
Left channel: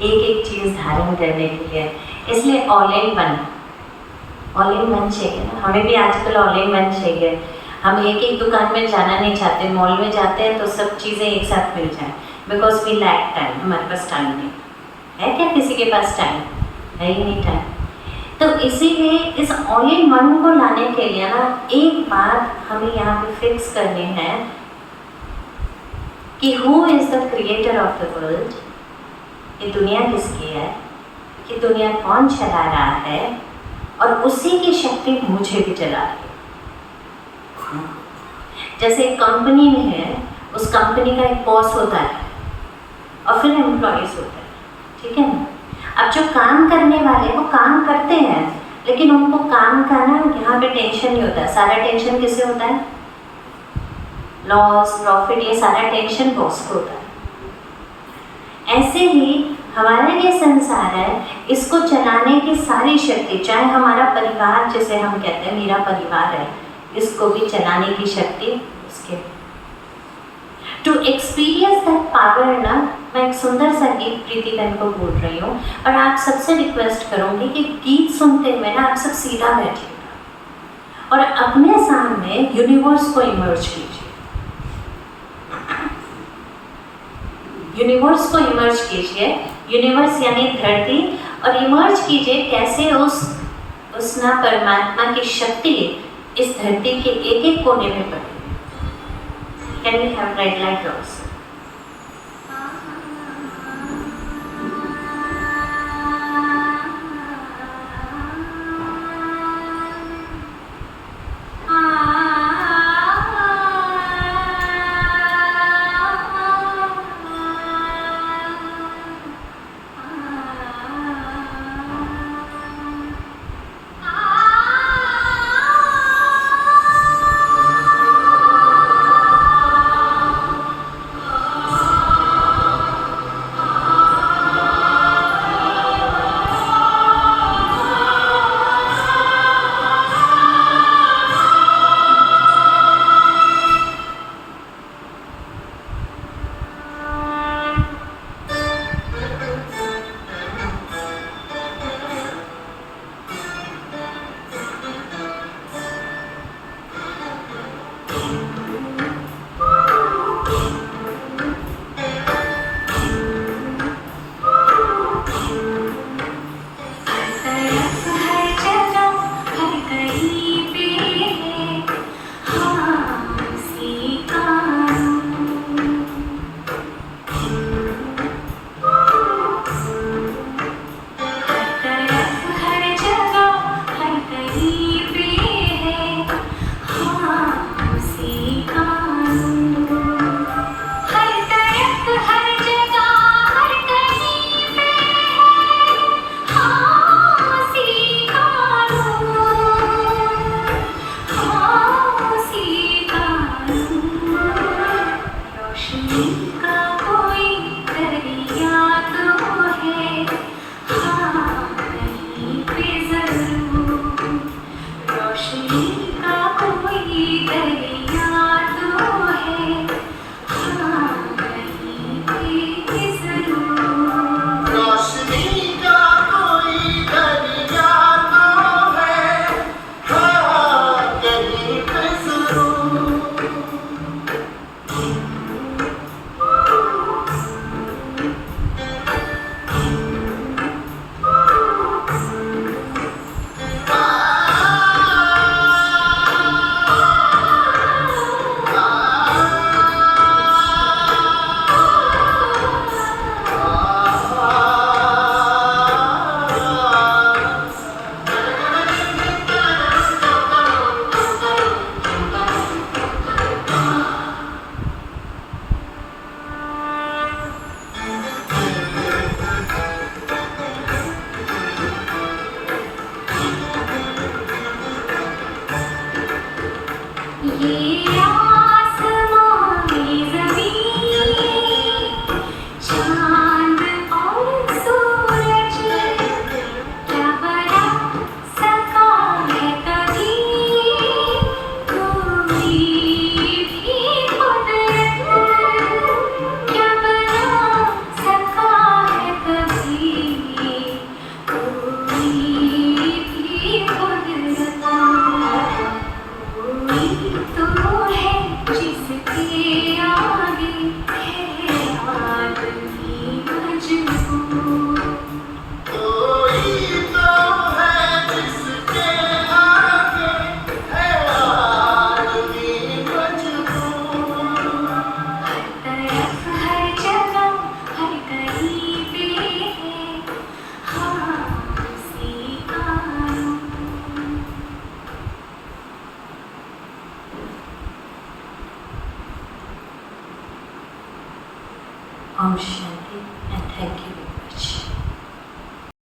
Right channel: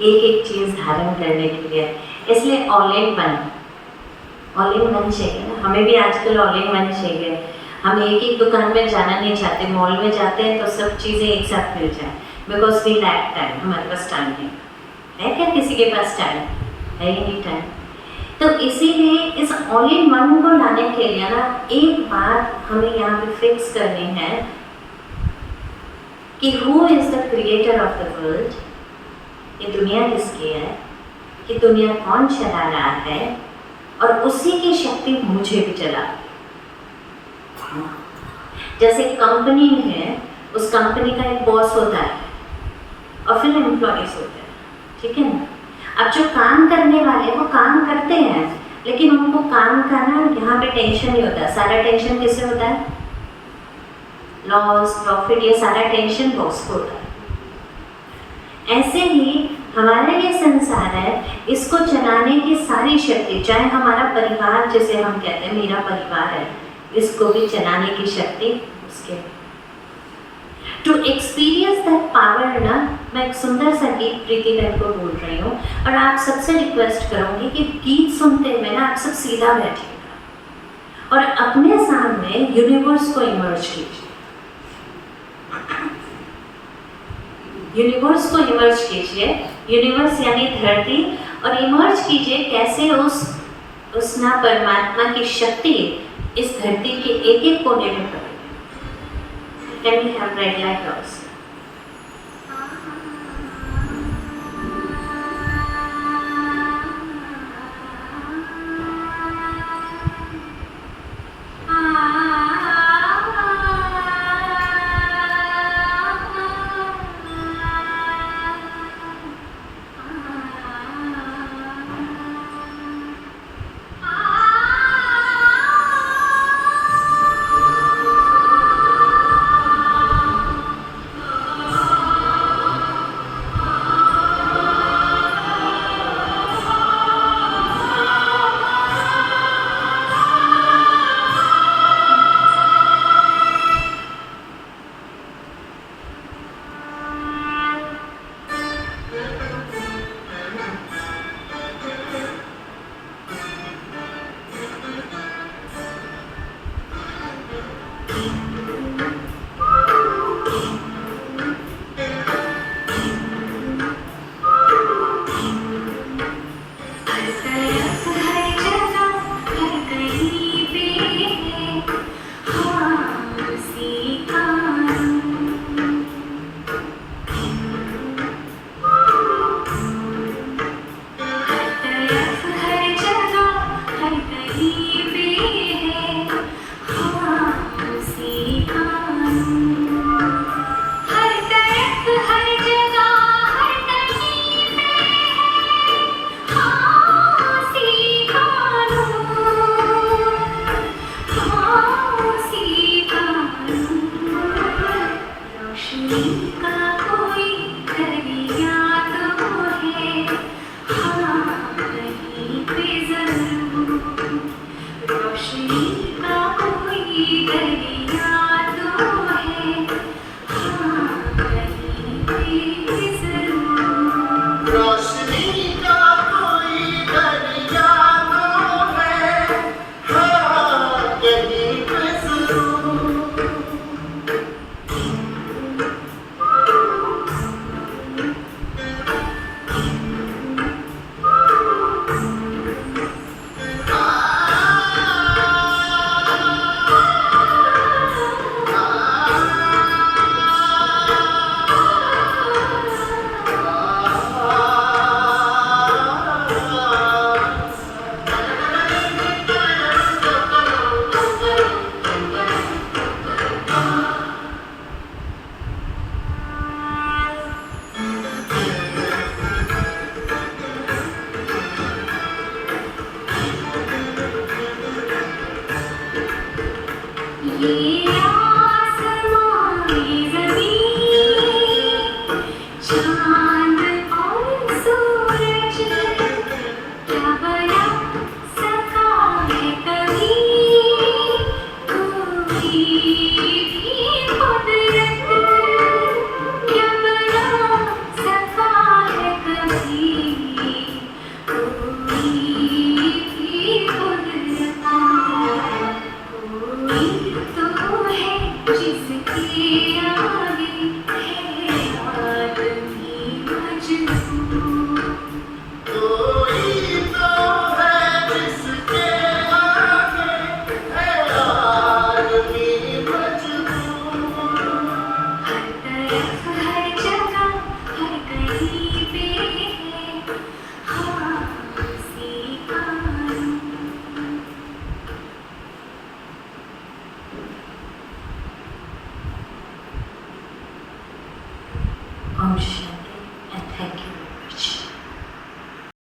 एक एक चीज़ धारण करने के लिए। इसलिए ऑल इन वन चाहिए ना। हमें भी आजकल ऑल इन वन चाहिए। हम एक एक दुकान में जाना नहीं चाहते, मॉल में जाते हैं तो सब चीज़ें एक साथ मिल जाए, बिकॉज वी लैक टाइम। हमारे पास टाइम नहीं है। क्या किसी के पास टाइम है? ही नहीं टाइम। तो इसीलिए इस ऑल इन वन को लाने के लिए ना, एक बात हमें यहाँ पे फिक्स करनी है कि who is the creator of the world. ये दुनिया किसकी है, कि दुनिया कौन चला रहा है, और उसी की शक्ति मुझे भी चला रही है। जैसे एक कंपनी में है, उस कंपनी का एक बॉस होता है और फिर एम्प्लॉयज होते हैं, ठीक है ना। अब जो काम करने वाले वो काम करते हैं, लेकिन उनको काम का ना यहाँ पे टेंशन नहीं होता। सारा टेंशन किससे होता है? लॉस, प्रॉफिट, ये सारा टेंशन बॉस को होता है। ऐसे ही हमारा ये संसार है, इसको चलाने की सारी शक्ति, चाहे हमारा परिवार, जैसे हम कहते हैं मेरा परिवार है, इसको भी चलाने की शक्ति उसके। टू एक्सपीरियंस दैट पावर ना, मैं एक सुंदर सा गीत प्रीति बहन को बोल रही हूँ, और आप सबसे रिक्वेस्ट करूँगी कि गीत सुनते हुए ना आप सब सीधा बैठिएगा और अपने सामने यूनिवर्स को इमर्ज कीजिए। यूनिवर्स को इमर्ज कीजिए, यूनिवर्स यानी धरती, और इमर्ज कीजिए कैसे उस ना परमात्मा की शक्ति इस धरती के एक एक कोने में पड़ी। Can we have red light also?